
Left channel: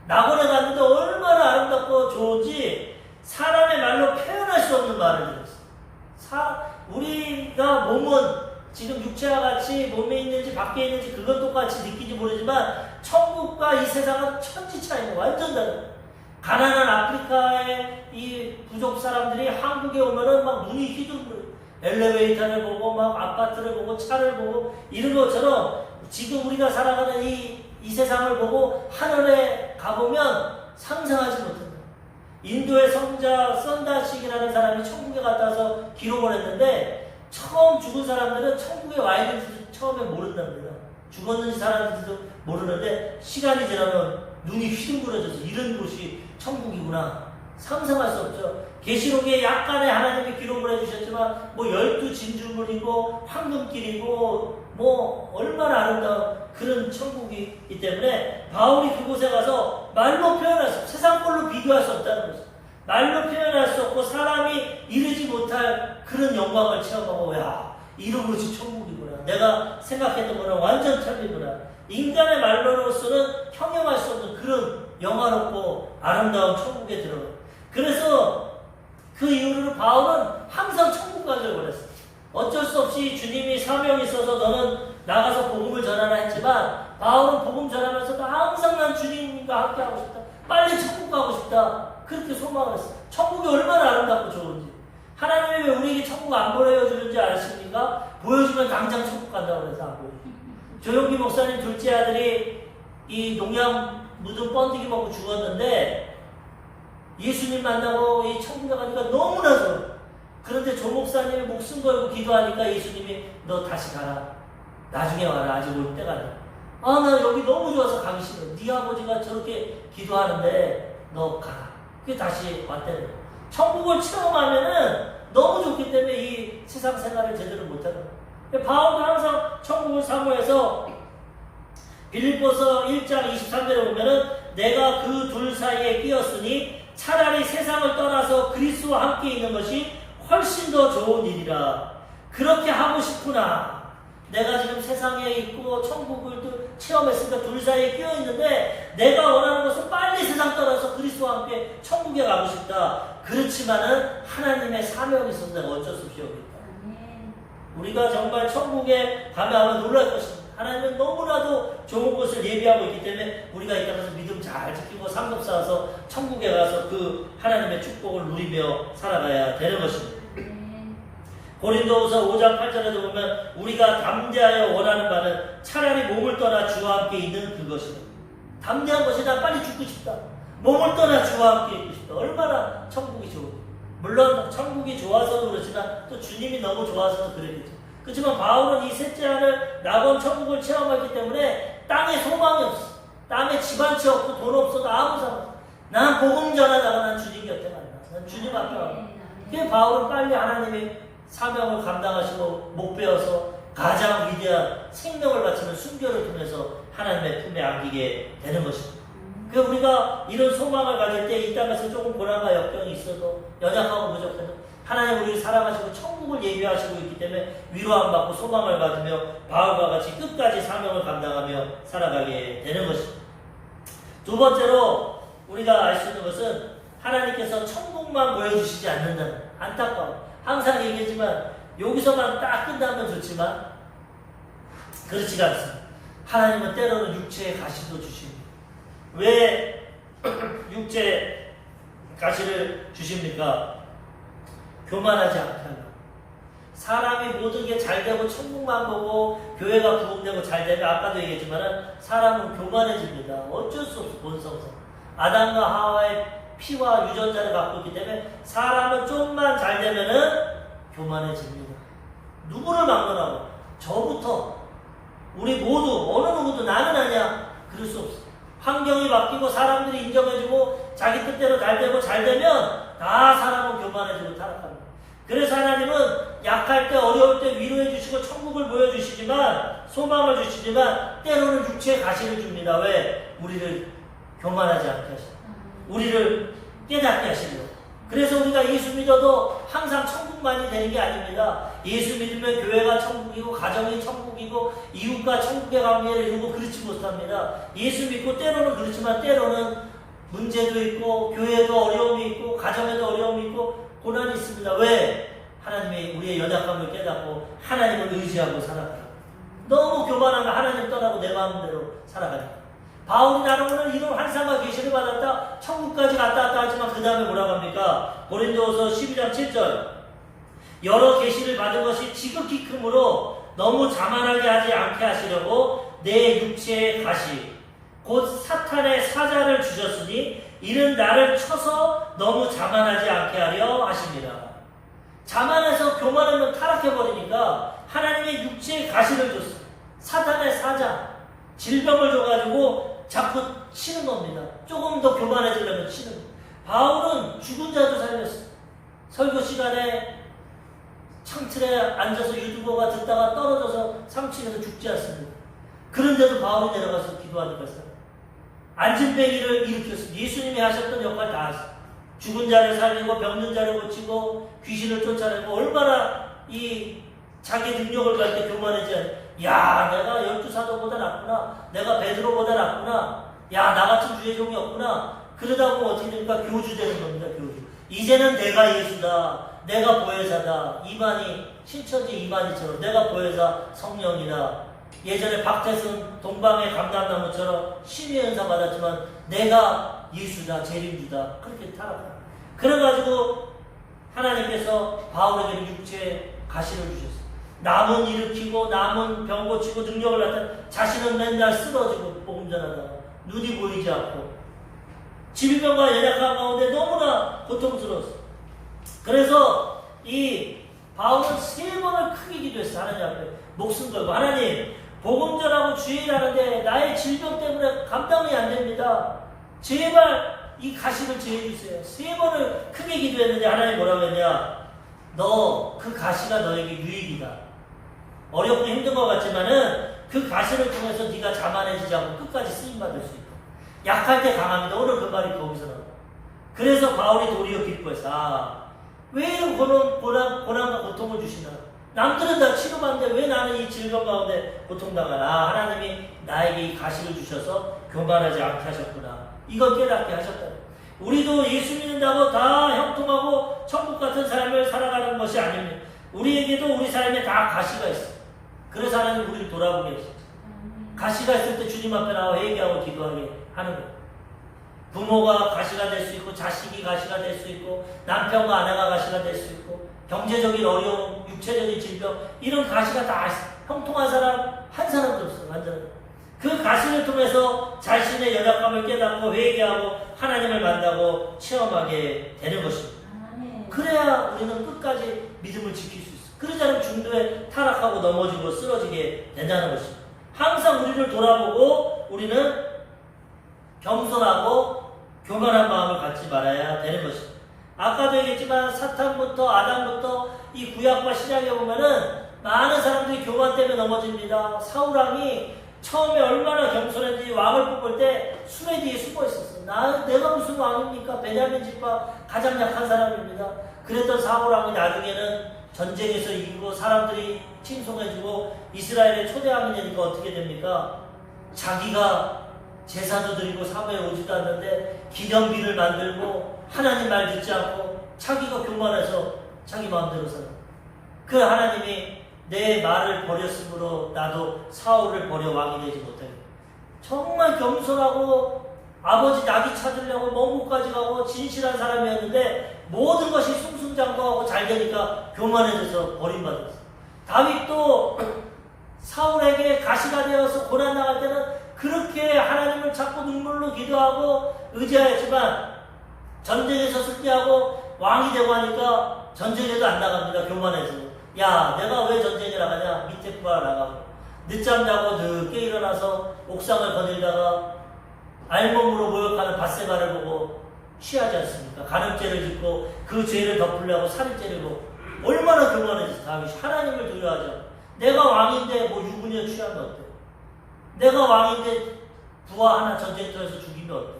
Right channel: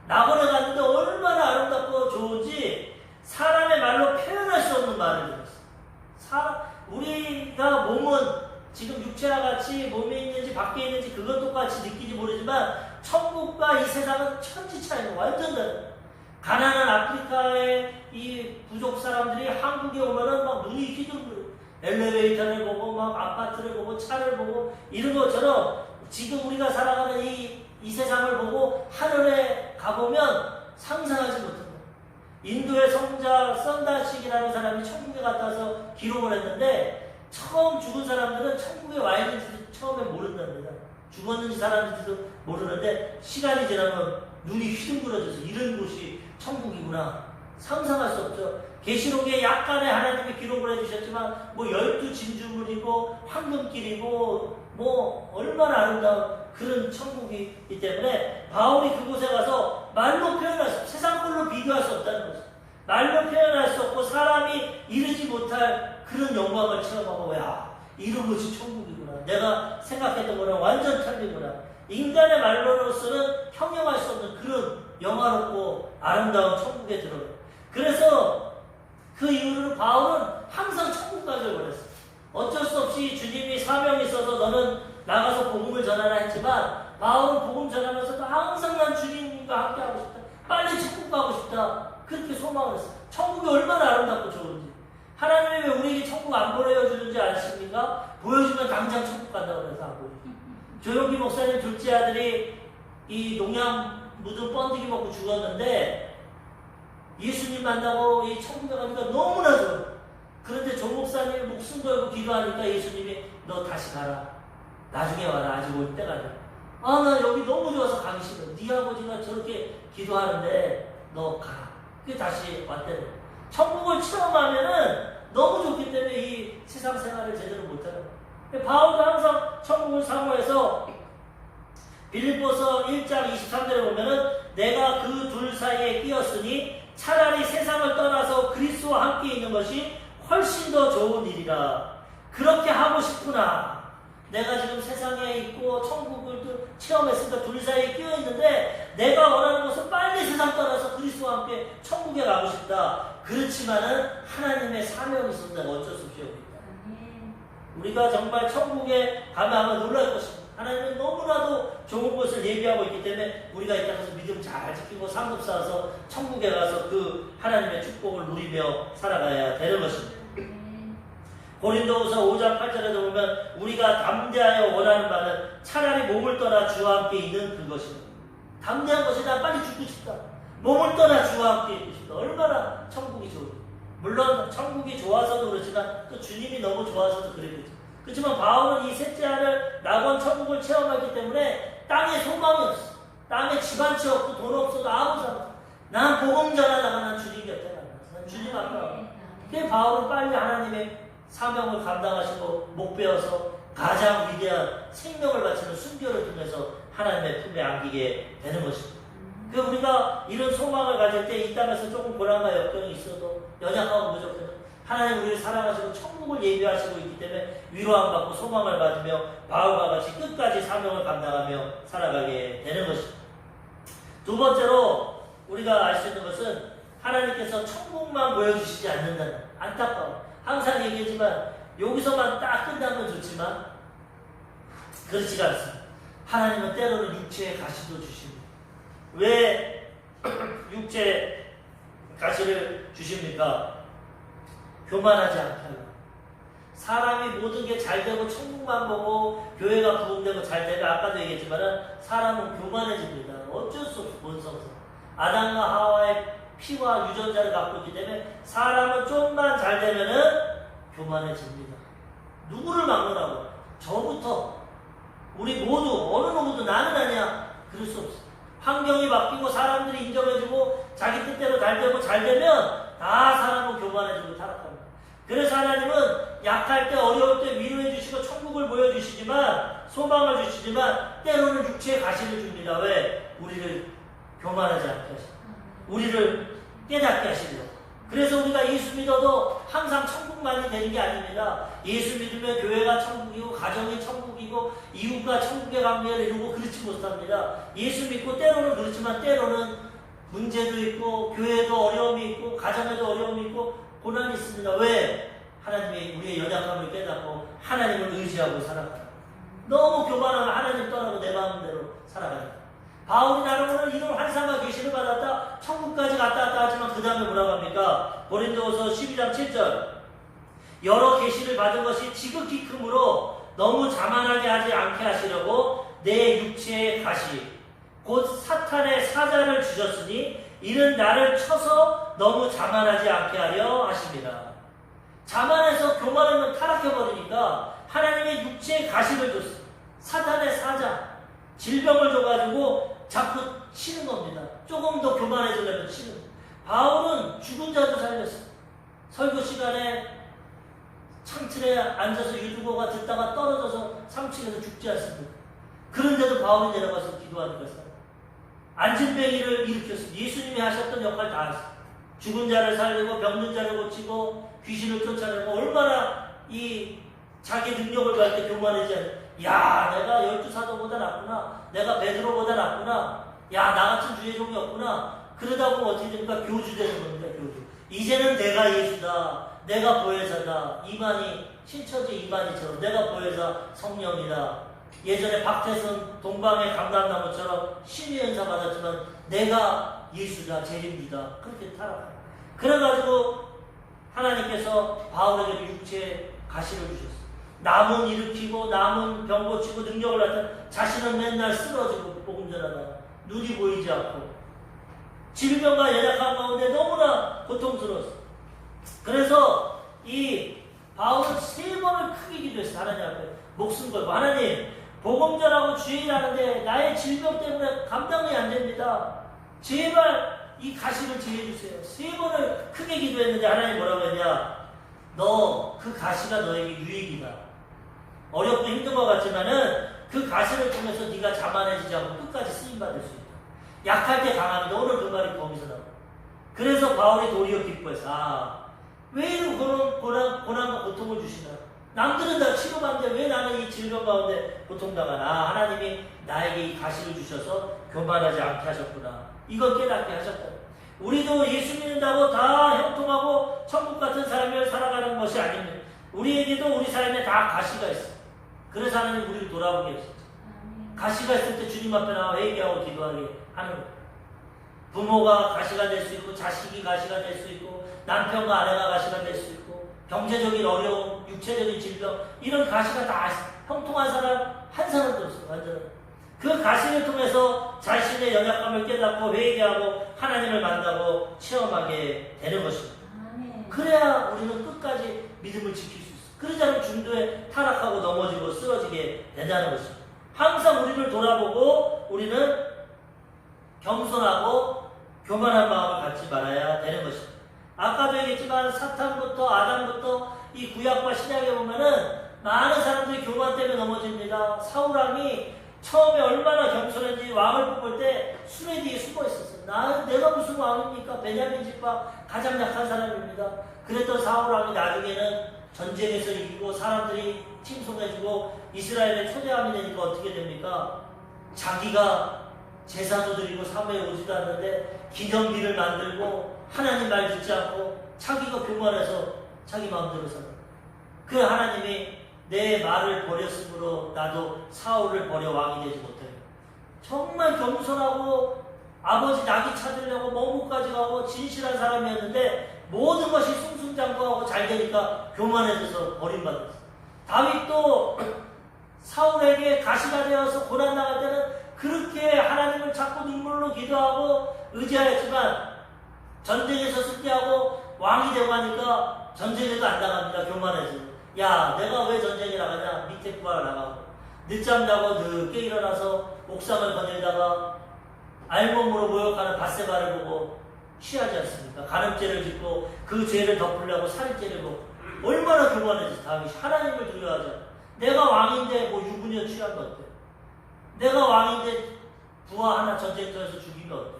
낙원에 갔는데 얼마나 아름답고 좋은지 사람의 말로 표현할 수 없는 말을 들었어. 우리가 몸은 지금 육체와 같이 몸에 있는지 밖에 있는지 그것 똑같이 느끼지 모르지만 천국과 이 세상은 천지 차이고 완전 다르다. 가난한 아프리카의 이 부족 사람들이 한국에 오면은 막 눈이 휘둥그려. 엘리베이터를 보고 막 아파트를 보고 차를 보고 이런 것처럼 지금 우리가 살아가는 이 세상을 보고 하늘에 가보면 상상하지 못한다. 인도의 성자 썬다식이라는 사람이 천국에 갔다 와서 기록을 했는데 처음 죽은 사람들은 천국에 와 있는지도 처음에 모른답니다. 죽었는지 살았는지도 모르는데 시간이 지나면 눈이 휘둥그러져서 이런 곳이 천국이구나 상상할 수 없죠. 계시록에 약간의 하나님이 기록을 해주셨지만 뭐 12진주물이고 황금길이고 뭐 얼마나 아름다운 그런 천국이기 때문에 바울이 그곳에 가서 말로 표현할 수 없고 세상 걸로 비교할 수 없다는 거죠. 말로 표현할 수 없고 사람이 이르지 못할 그런 영광을 체험하고 야 이런 것이 천국이구나. 내가 생각했던 거는 완전 틀리구나. 인간의 말로로서는 형용할 수 없는 그런 영화롭고 아름다운 천국에 들어가요. 그래서 그 이후로 바울은 항상 천국 가기를 원했어요. 어쩔 수 없이 주님이 사명이 있어서 너는 나가서 복음을 전하라 했지만 바울은 복음 전하면서 항상 난 주님과 함께 하고 싶다. 빨리 천국 가고 싶다. 그렇게 소망을 했어요. 천국이 얼마나 아름답고 좋은지. 하나님이 왜 우리에게 천국 안 보여주는지 아십니까? 보여주면 당장 천국 간다고 해서 안 보여줘요. 조용기 목사님 둘째 아들이 이 농약 묻은 번데기 먹고 죽었는데 예수님 만나고 이 천국에 가니까 너무나 좋아요. 그런데 조 목사님이 목숨 걸고 기도하니까 예수님이 너 다시 가라. 나중에 와라. 아직 올 때가 아니야. 아, 나 여기 너무 좋아서 가기 싫어. 네 아버지가 저렇게 기도하는데 너 가라. 그게 다시 왔대요. 천국을 체험하면은 너무 좋기 때문에 이 세상 생활을 제대로 못하는 거예요. 바울도 항상 천국을 사모해서 빌립보서 1장 23절에 보면은 내가 그 둘 사이에 끼었으니 차라리 세상을 떠나서 그리스도와 함께 있는 것이 훨씬 더 좋은 일이라. 그렇게 하고 싶구나. 내가 지금 세상에 있고 천국을 체험했으니까 둘 사이에 끼어 있는데 내가 원하는 것은 빨리 세상 떠나서 그리스도와 함께 천국에 가고 싶다. 그렇지만은 하나님의 사명이 있어서 내가 어쩔 수 없이 여기 있다. 우리가 정말 천국에 가면 아마 놀랄 것입니다. 하나님은 너무나도 좋은 곳을 예비하고 있기 때문에 우리가 이 땅에서 믿음 잘 지키고 상급 쌓아서 천국에 가서 그 하나님의 축복을 누리며 살아가야 되는 것입니다. 고린도후서 5장 8절에도 보면 우리가 담대하여 원하는 바는 차라리 몸을 떠나 주와 함께 있는 그것이다. 담대한 것이 난 빨리 죽고 싶다. 몸을 떠나 주와 함께 있고 싶다. 얼마나 천국이 좋은지. 물론 천국이 좋아서도 그렇지만 또 주님이 너무 좋아서도 그러겠죠. 그렇지만 바울은 이 셋째 하늘 낙원 천국을 체험하기 때문에 땅에 소망이 없어. 땀에 집안치 없고 돈 없어도 아무 상관. 난 복음 전하다가 난 주님 곁에 간다. 난 주님 앞에 간다. 그게 바울은 빨리 하나님의 사명을 감당하시고 못 배워서 가장 위대한 생명을 바치는 순교를 통해서 하나님의 품에 안기게 되는 것입니다. 그 우리가 이런 소망을 가질 때 이 땅에서 조금 고난과 역경이 있어도 연약하고 부족해도 하나님 우리를 사랑하시고 천국을 예비하시고 있기 때문에 위로함 받고 소망을 받으며 바울과 같이 끝까지 사명을 감당하며 살아가게 되는 것입니다. 두 번째로 우리가 알 수 있는 것은 하나님께서 천국만 보여주시지 않는다는 안타까워. 항상 얘기하지만 여기서만 딱 끝나면 좋지만 그렇지가 않습니다. 하나님은 때로는 육체의 가시도 주십니다. 왜 육체의 가시를 주십니까? 교만하지 않게 하려고. 사람이 모든 게 잘되고 천국만 보고 교회가 부흥되고 잘되면 아까도 얘기했지만 사람은 교만해집니다. 어쩔 수 없어 본성상. 아담과 하와의 피와 유전자를 갖고 있기 때문에 사람은 좀만 잘되면은 교만해집니다. 누구를 막느라고? 저부터 우리 모두 어느 누구도 나는 아니야. 그럴 수 없어. 환경이 바뀌고 사람들이 인정해주고 자기 뜻대로 잘되면 다 사람은 교만해지고 타락합니다. 그래서 하나님은 약할 때 어려울 때 위로해 주시고 천국을 보여주시지만 소망을 주시지만 때로는 육체의 가시를 줍니다. 왜? 우리를 교만하지 않게 하시고 우리를 깨닫게 하시려고. 그래서 우리가 예수 믿어도 항상 천국만이 되는 게 아닙니다. 예수 믿으면 교회가 천국이고 가정이 천국이고 이웃과 천국의 관계를 이루고 그렇지 못합니다. 예수 믿고 때로는 그렇지만 때로는 문제도 있고 교회에도 어려움이 있고 가정에도 어려움이 있고 고난이 있습니다. 왜? 하나님이 우리의 연약함을 깨닫고 하나님을 의지하고 살아가라. 너무 교만하면 하나님 떠나고 내 마음대로 살아가니까. 바울이 나는 오늘 이런 환상과 계시를 받았다. 천국까지 갔다 왔다 하지만 그 다음에 뭐라고 합니까? 고린도후서 12장 7절 여러 계시를 받은 것이 지극히 크므로 너무 자만하게 하지 않게 하시려고 내 육체의 가시 곧 사탄의 사자를 주셨으니 이는 나를 쳐서 너무 자만하지 않게 하려 하십니다. 자만해서 교만하면 타락해버리니까 하나님의 육체의 가시를 줬어요. 사탄의 사자 질병을 줘가지고 자꾸 치는 겁니다. 조금 더 교만해지려면 치는 겁니다. 바울은 죽은 자도 살렸어요. 설교 시간에 창틀에 앉아서 유튜버가 듣다가 떨어져서 3층에서 죽지 않습니다. 그런데도 바울이 내려가서 기도하니까 안진뱅이를 일으켰습니다. 예수님이 하셨던 역할 다 하셨어요. 죽은 자를 살리고 병든 자를 고치고 귀신을 쫓아내고 얼마나 이 자기 능력을 갈 때 교만하지 않아요. 야, 내가 12사도보다 낫구나. 내가 베드로보다 낫구나. 야, 나 같은 주의 종이 없구나. 그러다 보면 어떻게 됩니까? 교주 되는 겁니다. 교주. 이제는 내가 예수다. 내가 보혜사다. 이만희, 신처지 이만희처럼 내가 보혜사 성령이다. 예전에 박태선 동방의 감람나무처럼 신의 은사 받았지만 내가 예수다. 재림주다. 그렇게 타락합니다. 그래가지고 하나님께서 바울에게 육체의 가시를 주셨어요. 남은 일으키고 남은 병 고치고 능력을 나타내 자신은 맨날 쓰러지고 복음 전하다가 눈이 보이지 않고 질병과 연약한 가운데 너무나 고통스러웠어요. 그래서 이 바울은 3번을 크게 기도했어요. 하나님 앞에 목숨 걸고 하나님 복음 전하고 주의 일하는데 나의 질병 때문에 감당이 안 됩니다. 제발 이 가시를 제해주세요. 3번을 크게 기도했는데 하나님 뭐라고 했냐? 너 그 가시가 너에게 유익이다. 어렵고 힘든 것 같지만은 그 가시를 통해서 네가 자만해지지 않고 끝까지 쓰임받을 수 있다. 약할 때 강합니다. 오늘 그 말이 거기서 나와. 그래서 바울이 도리어 기뻐했어. 아, 왜 이런 고난과 고통을 주시나? 남들은 다 취급하는데 왜 나는 이 질병 가운데 고통당하나? 하나님이 나에게 이 가시를 주셔서 교만하지 않게 하셨구나. 이걸 깨닫게 하셨다. 우리도 예수 믿는다고 다 형통하고 천국 같은 삶을 살아가는 것이 아닙니다. 우리에게도 우리 삶에 다 가시가 있어요. 그래서 하나님 우리를 돌아보게 하셨죠. 가시가 있을 때 주님 앞에 나와 회개하고 기도하게 하는 거예요. 부모가 가시가 될 수 있고 자식이 가시가 될 수 있고 남편과 아내가 가시가 될 수 있고 경제적인 어려움, 육체적인 질병 이런 가시가 다 형통한 사람 한 사람도 없어요. 완전 그 가시를 통해서 자신의 연약함을 깨닫고 회개하고 하나님을 만나고 체험하게 되는 것입니다. 그래야 우리는 끝까지 믿음을 지킬 수 있어요. 그러지 않으면 중도에 타락하고 넘어지고 쓰러지게 된다는 것입니다. 항상 우리를 돌아보고 우리는 겸손하고 교만한 마음을 갖지 말아야 되는 것입니다. 아까도 얘기했지만 사탄부터 아담부터 이 구약과 신약에 보면은 많은 사람들이 교만 때문에 넘어집니다. 사울왕이 처음에 얼마나 겸손했는지 왕을 뽑을 때 수레 뒤에 숨어 있었어요. 내가 무슨 왕입니까? 베냐민 지파 가장 약한 사람입니다. 그랬던 사울왕이 나중에는 전쟁에서 이기고 사람들이 칭송해주고 이스라엘에 초대함이 되니까 어떻게 됩니까? 자기가 제사도 드리고 사무에 오지도 않는데 기념비를 만들고 하나님 말 듣지 않고 자기가 교만해서 자기 마음대로 살아. 그 하나님이 내 말을 버렸으므로 나도 사울을 버려 왕이 되지 못하게. 정말 겸손하고 아버지 낙이 찾으려고 먼 곳까지 가고 진실한 사람이었는데 모든 것이 승승장구하고 잘 되니까 교만해져서 버림받았어. 다윗도 사울에게 가시가 되어서 고난당할 때는 그렇게 하나님을 찾고 눈물로 기도하고 의지하였지만 전쟁에서 승리하고 왕이 되고 하니까 전쟁에도 안 나갑니다. 교만해서. 야, 내가 왜 전쟁에 나가냐? 밑에 구하러 나가고 늦잠 자고 늦게 일어나서 옥상을 거닐다가 알몸으로 모욕하는 밧세바를 보고 취하지 않습니까? 간음죄를 짓고 그 죄를 덮으려고 살인죄를 얼마나 교만해서 다윗이 하나님을 두려워하죠. 내가 왕인데 뭐 유부녀 취하면 어때요? 내가 왕인데 부하 하나 전쟁터에서 죽이면 어때요?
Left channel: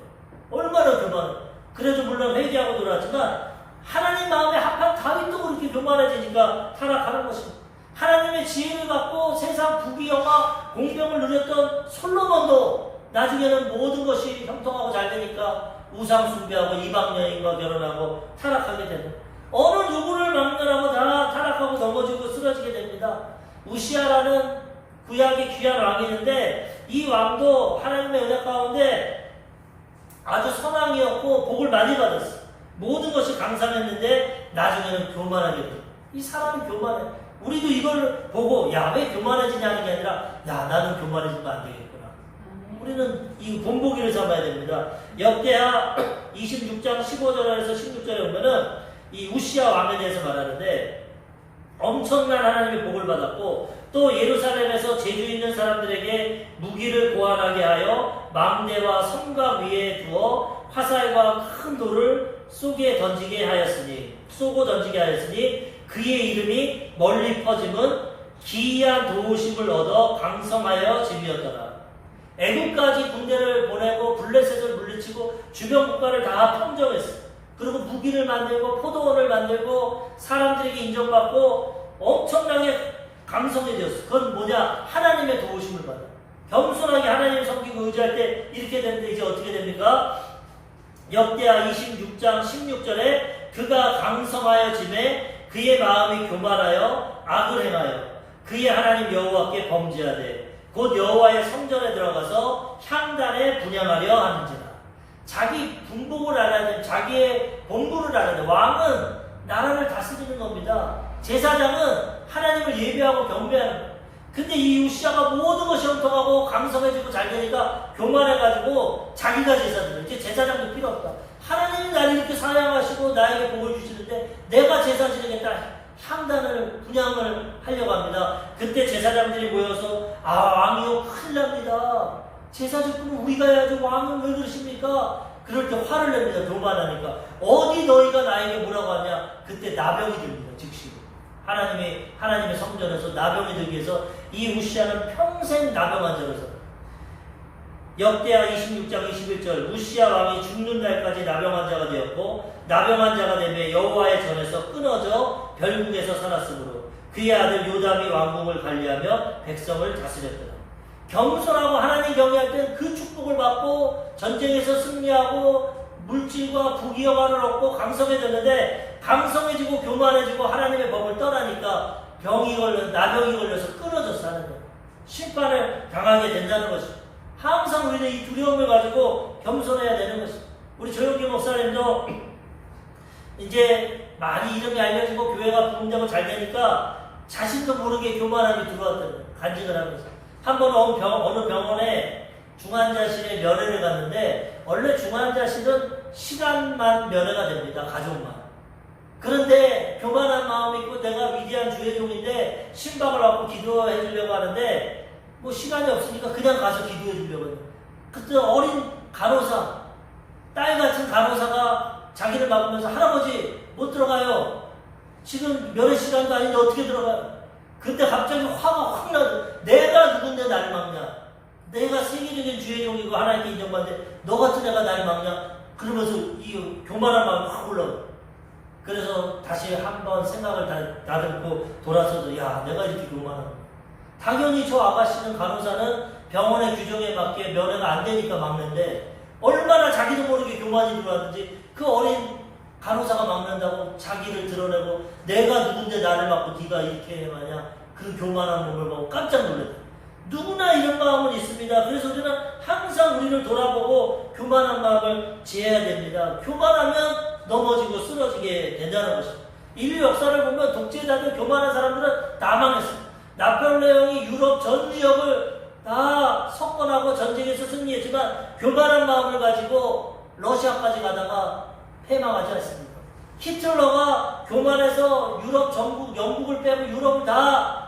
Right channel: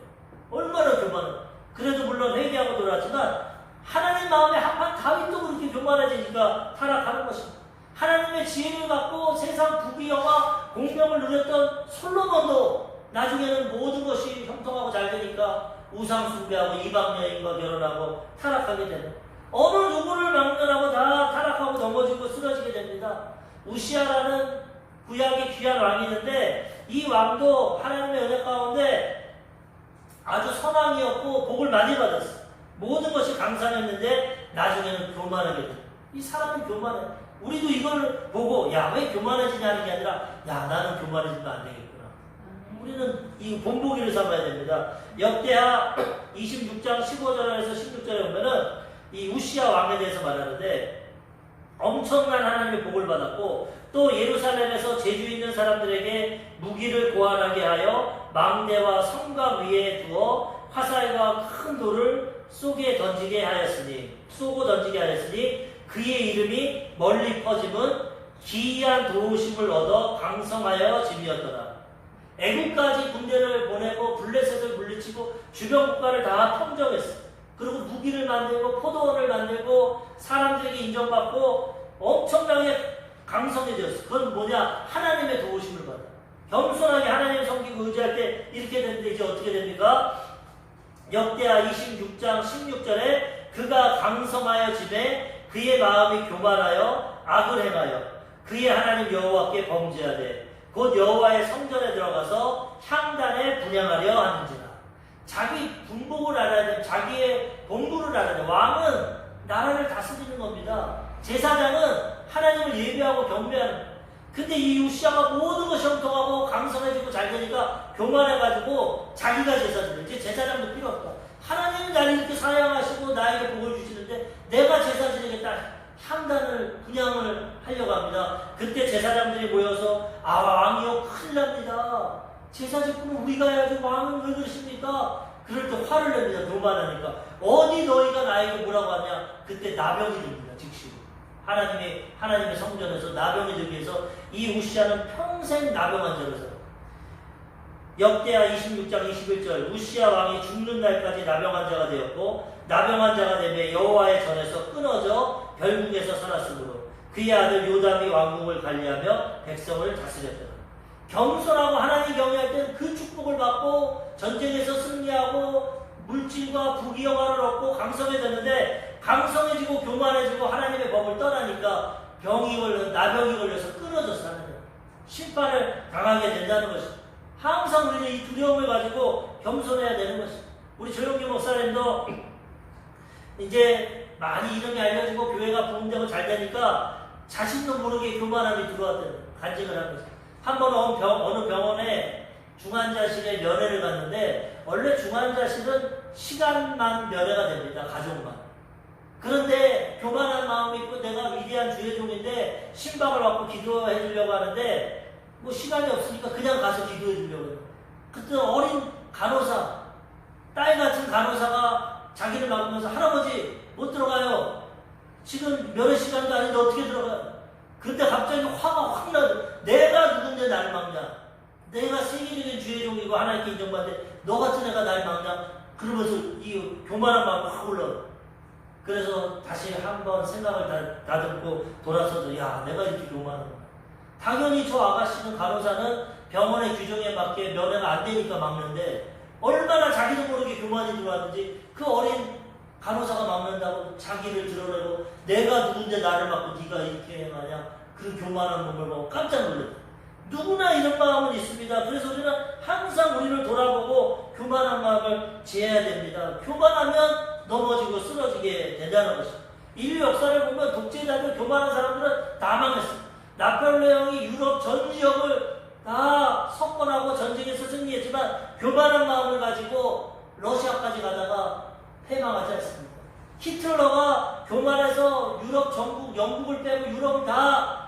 얼마나 교만해. 그래도 물론 회개하고 돌아왔지만 하나님 마음에 합한 다윗도 그렇게 교만해지니까 타락하는 것입니다. 하나님의 지혜를 받고 세상 부귀영화 공명을 누렸던 솔로몬도 나중에는 모든 것이 형통하고 잘 되니까 우상 숭배하고 이방 여인과 결혼하고 타락하게 됩니다. 어느 누구를 막론하고 다 타락하고 넘어지고 쓰러지게 됩니다. 우시아라는 구약의 귀한 왕이 있는데 이 왕도 하나님의 은혜 가운데 아주 선왕이었고 복을 많이 받았어요. 모든 것이 강산했는데 나중에는 교만하게 돼요. 이 사람이 교만해. 우리도 이걸 보고 야, 왜 교만해지냐는 게 아니라 야, 나는 교만해지면 안 되겠구나. 우리는 이 본보기를 삼아야 됩니다. 역대하 26장 15절에서 16절에 보면은 이 우시아 왕에 대해서 말하는데 엄청난 하나님의 복을 받았고 또 예루살렘에서 재주 있는 사람들에게 무기를 고안하게 하여 망대와 성곽 위에 두어 화살과 큰 돌을 쏘고 던지게 하였으니 그의 이름이 멀리 퍼짐은 기이한 도우심을 얻어 강성하여 짐이었더라. 애국까지 군대를 보내고 블레셋을 물리치고 주변 국가를 다 평정했어. 그리고 무기를 만들고 포도원을 만들고 사람들에게 인정받고 엄청나게 강성해졌어. 그건 뭐냐? 하나님의 도우심을 받아. 겸손하게 하나님을 섬기고 의지할 때 이렇게 되는데 이제 어떻게 됩니까? 역대하 26장 16절에 그가 강성하여 짐에 그의 마음이 교만하여 악을 행하여 그의 하나님 여호와께 범죄하되 곧 여호와의 성전에 들어가서 향단에 분향하려 하는지라. 자기 분복을 알아야 돼. 자기의 본부를 알아야 돼. 왕은 나라를 다스리는 겁니다. 제사장은 하나님을 예배하고 경배하는 거예요. 근데 이 우시아가 모든 것이 형통하고 강성해지고 잘 되니까 교만해가지고 자기가 제사드려. 이제 제사장도 필요 없다. 하나님이 나를 이렇게 사랑하시고 나에게 복을 주시는데 내가 제사 지내겠다. 향단을 분향을 하려고 합니다. 그때 제사장들이 모여서 왕이요 큰일 납니다. 제사 지키면 우리가 해야지 왕은 왜 그러십니까? 그럴 때 화를 냅니다. 교만하니까. 어디 너희가 나에게 뭐라고 하냐? 그때 나병이 듭니다. 즉시. 하나님의 성전에서 나병이 들기 위해서 이 우시아는 평생 나병 환자로 살아요. 역대하 26장 21절 우시아 왕이 죽는 날까지 나병 환자가 되었고 나병 환자가 되며 여호와의 전에서 끊어져 별국에서 살았으므로 그의 아들 요담이 왕국을 관리하며 백성을 다스렸더라. 겸손하고 하나님 경외할 때는 그 축복을 받고 전쟁에서 승리하고 물질과 부귀영화를 얻고 강성해졌는데 강성해지고 교만해지고 하나님의 법을 떠나니까 나병이 걸려서 끊어졌어. 하나님 심판을 당하게 된다는 것입니다. 항상 우리는 이 두려움을 가지고 겸손해야 되는 것입니다. 우리 조영기 목사님도 이제 많이 이름이 알려지고 교회가 부흥되고 잘 되니까 자신도 모르게 교만함이 들어왔던 거예요. 간증을 하면서 한 번 어느 병원에 중환자실에 면회를 갔는데 원래 중환자실은 시간만 면회가 됩니다. 가족만. 그런데 교만한 마음이 있고 내가 위대한 주의 종인데 신방을 받고 기도해 주려고 하는데 뭐 시간이 없으니까 그냥 가서 기도해 주려고 해요. 그때 어린 간호사, 딸 같은 간호사가 자기를 막으면서 할아버지 못 들어가요. 지금 면회 시간도 아닌데 어떻게 들어가? 그때 갑자기 화가 확 나도 내가 누군데 나를 막냐? 내가 세계적인 주의 종이고 하나님께 인정받는데 너 같은 애가 나를 막냐? 그러면서 이 교만한 마음이 확 올라와. 그래서 다시 한번 생각을 다듬고 돌아서도 야 내가 이렇게 교만하구나. 당연히 저 아가씨는 간호사는 병원의 규정에 맞게 면회가 안 되니까 막는데 얼마나 자기도 모르게 교만이 들어왔는지 그 어린 간호사가 막는다고 자기를 드러내고 내가 누군데 나를 막고 네가 이렇게 하냐 그 교만한 몸을 보고 깜짝 놀랐다. 누구나 이런 마음은 있습니다. 그래서 우리는 항상 우리를 돌아보고 교만한 마음을 지어야 됩니다. 교만하면 넘어지고 쓰러지게 된다는 것입니다. 인류 역사를 보면 독재자들 교만한 사람들은 다 망했습니다. 나폴레옹이 유럽 전 지역을 다 석권하고 전쟁에서 승리했지만 교만한 마음을 가지고 러시아까지 가다가 패망하지 않습니까? 히틀러가 교만해서 유럽 전국, 영국을 빼고 유럽을 다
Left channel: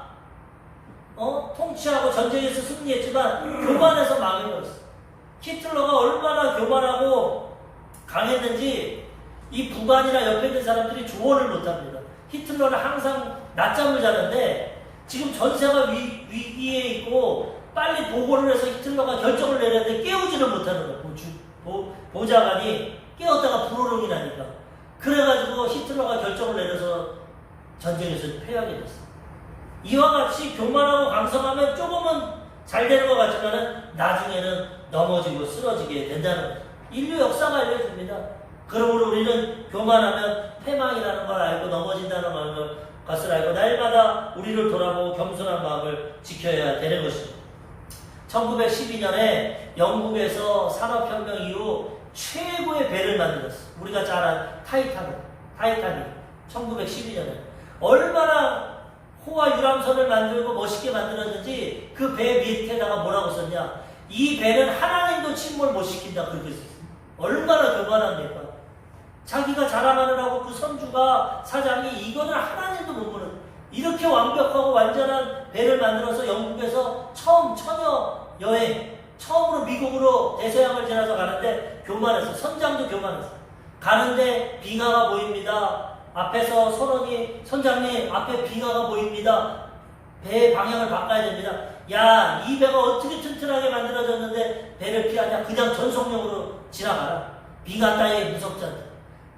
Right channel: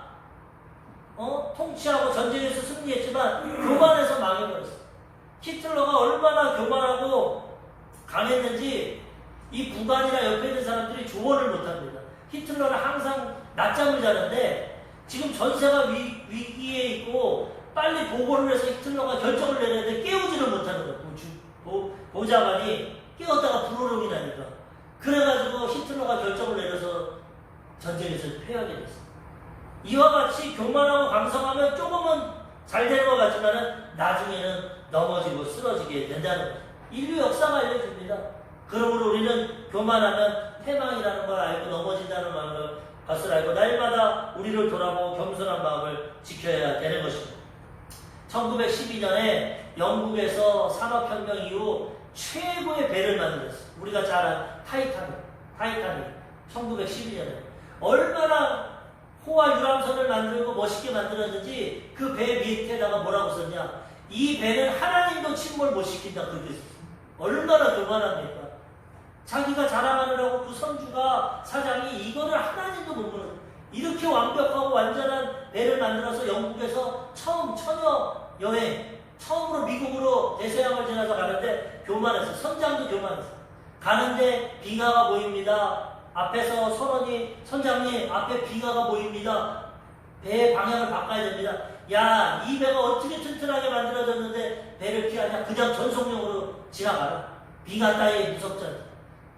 통치하고 전쟁에서 승리했지만 교만해서 망해버렸어요. 히틀러가 얼마나 교만하고 강했는지 이 북한이나 옆에 있는 사람들이 조언을 못합니다. 히틀러는 항상 낮잠을 자는데 지금 전세가 위기에 있고 빨리 보고를 해서 히틀러가 결정을 내렸는데 깨우지는 못하는 거예요. 보좌관이 깨웠다가 불호령이 나니까. 그래가지고 히틀러가 결정을 내려서 전쟁에서 패하게 됐어요. 이와 같이 교만하고 강성하면 조금은 잘 되는 것 같지만 나중에는 넘어지고 쓰러지게 된다는 거예요. 인류 역사가 알려줍니다. 그러므로 우리는 교만하면 패망이라는 걸 알고 넘어진다는 것을 알고 날마다 우리를 돌아보고 겸손한 마음을 지켜야 되는 것입니다. 1912년에 영국에서 산업혁명 이후 최고의 배를 만들었어요. 우리가 잘 아는 타이타닉 1912년에 얼마나 호화 유람선을 만들고 멋있게 만들었는지 그 배 밑에다가 뭐라고 썼냐, 이 배는 하나님도 침몰 못 시킨다 그렇게 썼어요. 얼마나 교만합니까? 자기가 자랑하느라고 그 선주가 사장이 이거는 하나님도 못 보는 이렇게 완벽하고 완전한 배를 만들어서 영국에서 처음 처녀 여행 처음으로 미국으로 대서양을 지나서 가는데 교만했어. 선장도 교만했어. 가는데 빙하가 보입니다. 앞에서 선장님 앞에 빙하가 보입니다. 배의 방향을 바꿔야 됩니다. 야, 이 배가 어떻게 튼튼하게 만들어졌는데 배를 피하냐? 그냥 전속력으로 지나가라. 빙하 따위에 무섭잖아.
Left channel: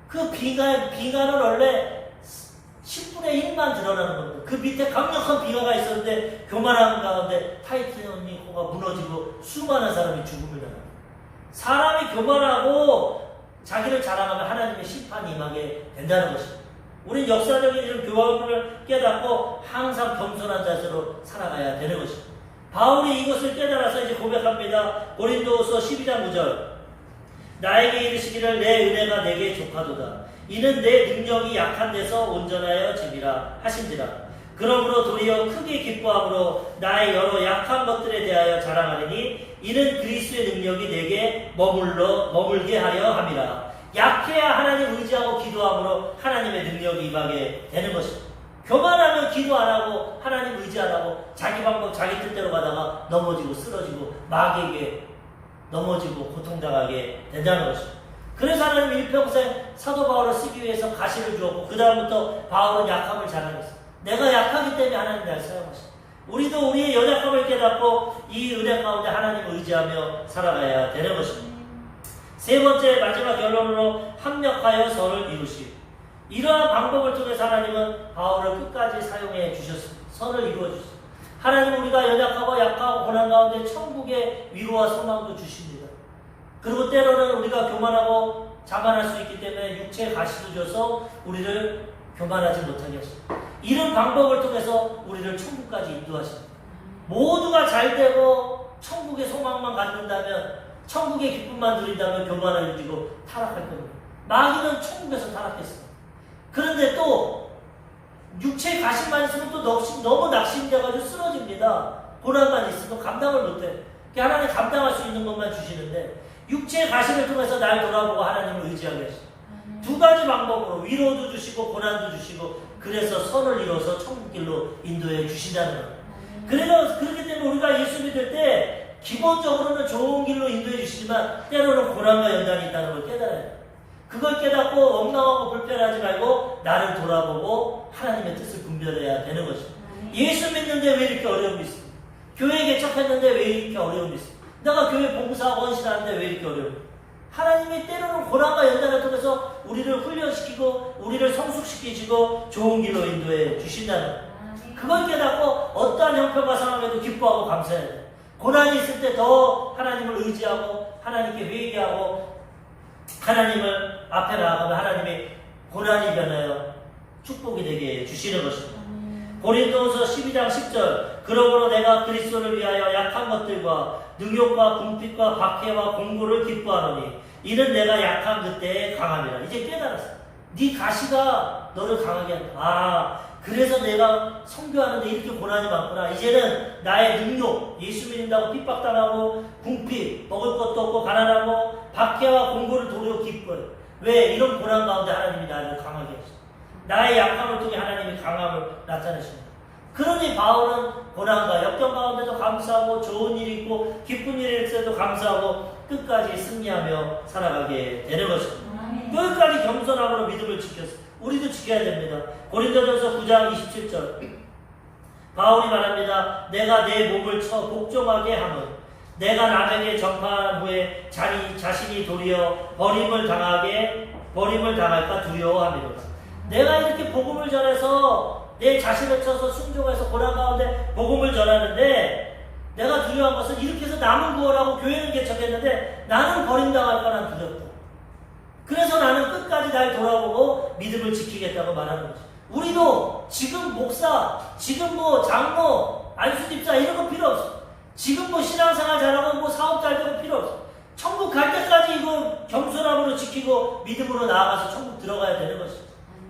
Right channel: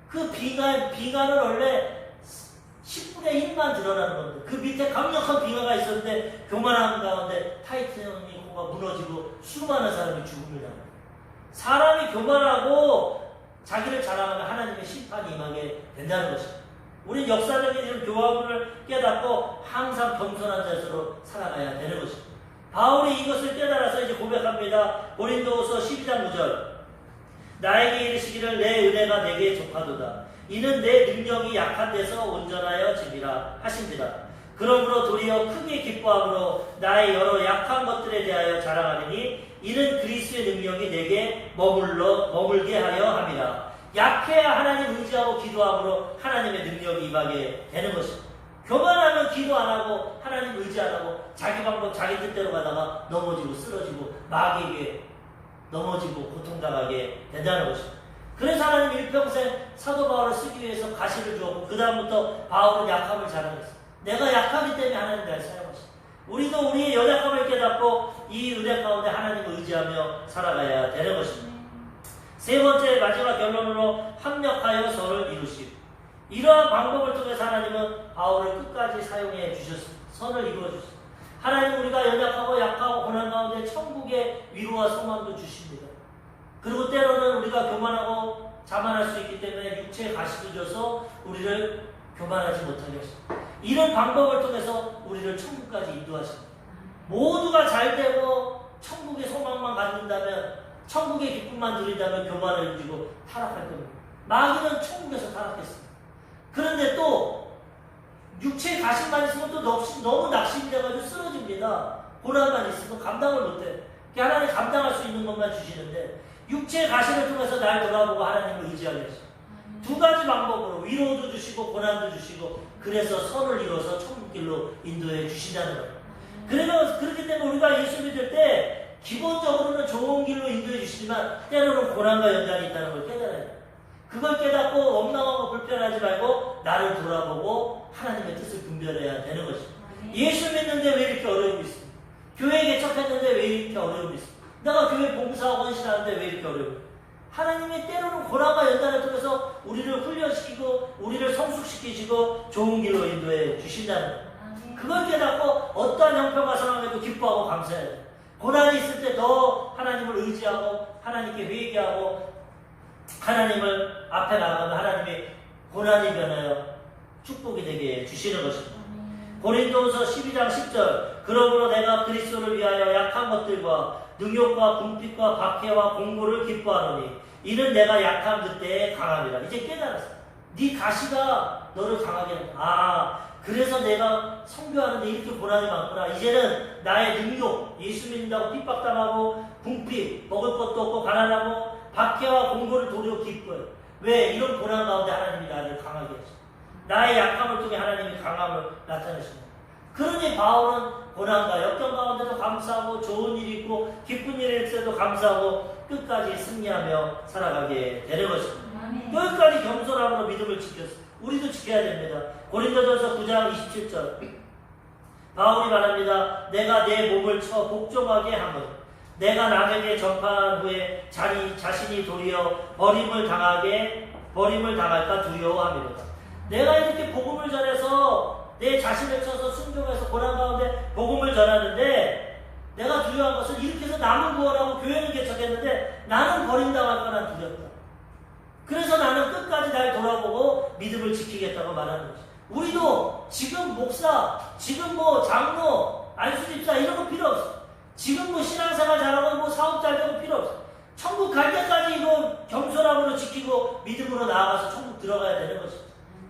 그 빙하는 원래 10분의 1만 드러나는 겁니다. 그 밑에 강력한 빙하가 있었는데 교만한 가운데 타이타닉호가 무너지고 수많은 사람이 죽음을 당합니다. 사람이 교만하고 자기를 자랑하면 하나님의 심판이 임하게 된다는 것입니다. 우리 역사적인 이런 교훈을 깨닫고 항상 겸손한 자세로 살아가야 되는 것입니다. 바울이 이것을 깨달아서 이제 고백합니다. 고린도후서 12장 9절. 나에게 이르시기를 내 은혜가 내게 족하도다. 이는 내 능력이 약한 데서 온전하여 짐이라 하신지라. 그러므로 도리어 크게 기뻐함으로 나의 여러 약한 것들에 대하여 자랑하리니 이는 그리스도의 능력이 내게 머물게 하려 함이라. 약해야 하나님 의지하고 기도함으로 하나님의 능력이 임하게 되는 것입니다. 교만하면 기도 안 하고 하나님 의지 안 하고 자기 방법 자기 뜻대로 가다가 넘어지고 쓰러지고 마귀에게 넘어지고 고통당하게 된다는 것입니다. 그래서 하나님 일평생 사도 바울을 쓰기 위해서 가시를 주었고 그 다음부터 바울은 약함을 자랑했어요. 내가 약하기 때문에 하나님 날 사용하셨어요. 우리도 우리의 연약함을 깨닫고 이 은혜 가운데 하나님을 의지하며 살아가야 되는 것입니다. 세 번째 마지막 결론으로 합력하여 선을 이루시고, 이러한 방법을 통해서 하나님은 바울을 끝까지 사용해 주셨습니다. 선을 이루어 주셨습니다. 하나님 우리가 연약하고 약하고 고난 가운데 천국의 위로와 소망도 주십니다. 그리고 때로는 우리가 교만하고 자만할 수 있기 때문에 육체의 가시도 줘서 우리를 교만하지 못하게 하십니다. 이런 방법을 통해서 우리를 천국까지 인도하십니다. 모두가 잘 되고 천국의 소망만 갖는다면, 천국의 기쁨만 누린다면 교만을 누리고 타락할 겁니다. 마귀는 천국에서 타락했습니다. 그런데 또 육체의 가시만 있으면 또 너무 낙심돼가지고 쓰러집니다. 고난만 있으면 감당을 못해. 하나님 감당할 수 있는 것만 주시는데 육체의 가시를 통해서 날 돌아보고 하나님을 의지하게 하시죠. 두 가지 방법으로 위로도 주시고 고난도 주시고, 그래서 선을 이루어서 천국길로 인도해 주신다는 거예요. 그렇기 때문에 우리가 예수 믿을 때 기본적으로는 좋은 길로 인도해 주시지만 때로는 고난과 연단이 있다는 걸 깨달아야 돼요. 그걸 깨닫고 엉망하고 불편하지 말고 나를 돌아보고 하나님의 뜻을 분별해야 되는 것입니다. 예수 믿는데 왜 이렇게 어려움이 있습니까? 교회 개척했는데 왜 이렇게 어려움이 있습니까? 내가 교회 봉사하고 헌신하는데 왜 이렇게 어려움이 있습니까? 하나님이 때로는 고난과 연단을 통해서 우리를 훈련시키고 우리를 성숙시키시고 좋은 길로 인도해 주신다는 거예요. 그걸 깨닫고 어떠한 형편과 상황에도 기뻐하고 감사해야 돼요. 고난이 있을 때 더 하나님을 의지하고 하나님께 회개하고 하나님을 앞에 나아가면 하나님이 고난이 변하여 축복이 되게 주시는 것입니다. 고린도후서 12장 10절 그러므로 내가 그리스도를 위하여 약한 것들과 능욕과 궁핍과 박해와 공고를 기뻐하노니 이는 내가 약한 그때의 강함이라. 이제 깨달았어. 네 가시가 너를 강하게 한다. 그래서 내가 선교하는데 이렇게 고난이 많구나. 이제는 나의 능력, 예수 믿는다고 핍박당하고 궁핍, 먹을 것도 없고 가난하고 박해와 공고를 도려 기뻐요. 왜? 이런 고난 가운데 하나님이 나를 강하게 하시죠. 나의 약함을 통해 하나님이 강함을 나타내십니다. 그러니 바울은 고난과 역경 가운데도 감사하고 좋은 일이 있고 기쁜 일이 있을 때도 감사하고 끝까지 승리하며 살아가게 되는 것입니다. 끝까지 겸손함으로 믿음을 지켰어요. 우리도 지켜야 됩니다. 고린도전서 9장 27절 바울이 말합니다. 내가 내 몸을 쳐 복종하게 함은 내가 남에게 전파한 후에 자신이 도리어 버림을 당할까 두려워합니다. 내가 이렇게 복음을 전해서 내 자신을 쳐서 순종해서 고난 가운데 복음을 전하는데 내가 두려워한 것은 이렇게 해서 남은 구원하고 교회는 개척했는데 나는 버림당할까 난 두렵다. 그래서 나는 끝까지 날 돌아보고 믿음을 지키겠다고 말하는 거지. 우리도 지금 목사, 지금 장로, 안수집사 이런 거 필요 없어. 지금 신앙생활 잘하고 사업 잘 되고 필요 없어. 천국 갈 때까지 이거 겸손함으로 지키고 믿음으로 나아가서 천국 들어가야 되는 것이.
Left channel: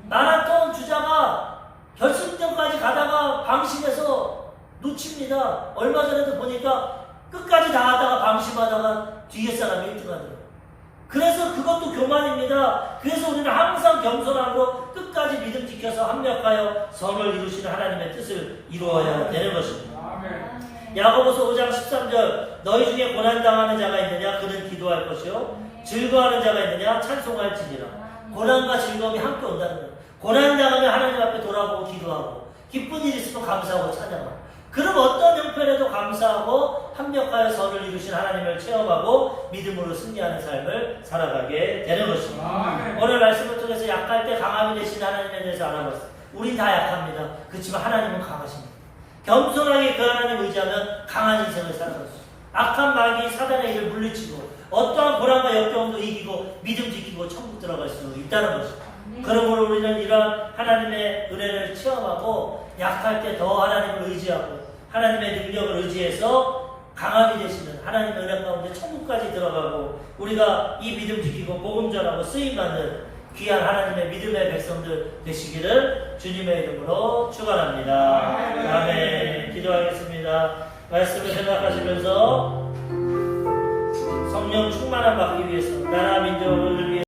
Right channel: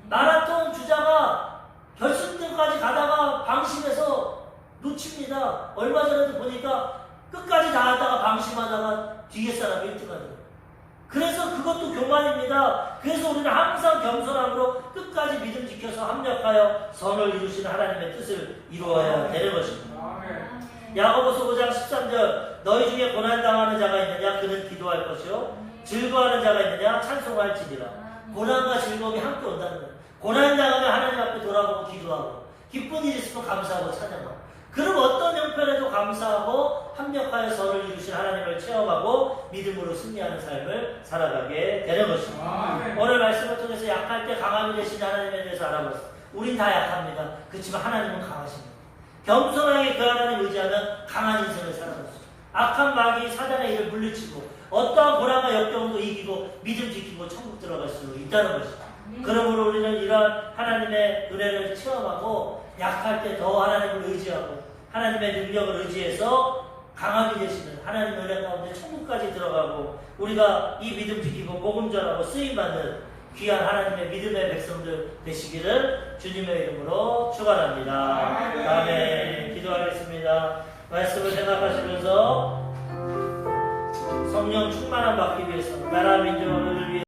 마라톤 주자가 결승점까지 가다가 방심해서 놓칩니다. 얼마 전에도 보니까 끝까지 나갔다가 방심하다가 뒤에 사람이 1등하더라고요. 그래서 그것도 교만입니다. 그래서 우리는 항상 겸손하고 끝까지 믿음 지켜서 합력하여 선을 이루시는 하나님의 뜻을 이루어야 되는 것입니다. 야고보서 5장 13절 너희 중에 고난당하는 자가 있느냐 그는 기도할 것이요 즐거워하는 자가 있느냐 찬송할지니라. 고난과 즐거움이 함께 온다는 거예요. 고난당하면 하나님 앞에 돌아보고 기도하고 기쁜 일이 있으면 감사하고 찬양하고 그럼 어떤 형편에도 감사하고 합력하여 선을 이루신 하나님을 체험하고 믿음으로 승리하는 삶을 살아가게 되는 것입니다. 오늘 말씀을 통해서 약할 때 강함이 되신 하나님에 대해서 알아봤습니다. 우린 다 약합니다. 그렇지만 하나님은 강하십니다. 겸손하게 그 하나님 의지하면 강한 인생을 살아갈 수 있습니다. 악한 마귀 사단의 일을 물리치고 어떠한 고난과 역경도 이기고 믿음 지키고 천국 들어갈 수 있다는 것입니다. 그러므로 우리는 이러한 하나님의 은혜를 체험하고 약할 때 더 하나님을 의지하고 하나님의 능력을 의지해서 강함이 되시는 하나님의 은혜 가운데 천국까지 들어가고 우리가 이 믿음 지키고 복음 전하고 쓰임받는 귀한 하나님의 믿음의 백성들 되시기를 주님의 이름으로 축원합니다. 아멘. 기도하겠습니다. 말씀을 생각하시면서 성령 충만함 받기 위해서 나라 민족을 위해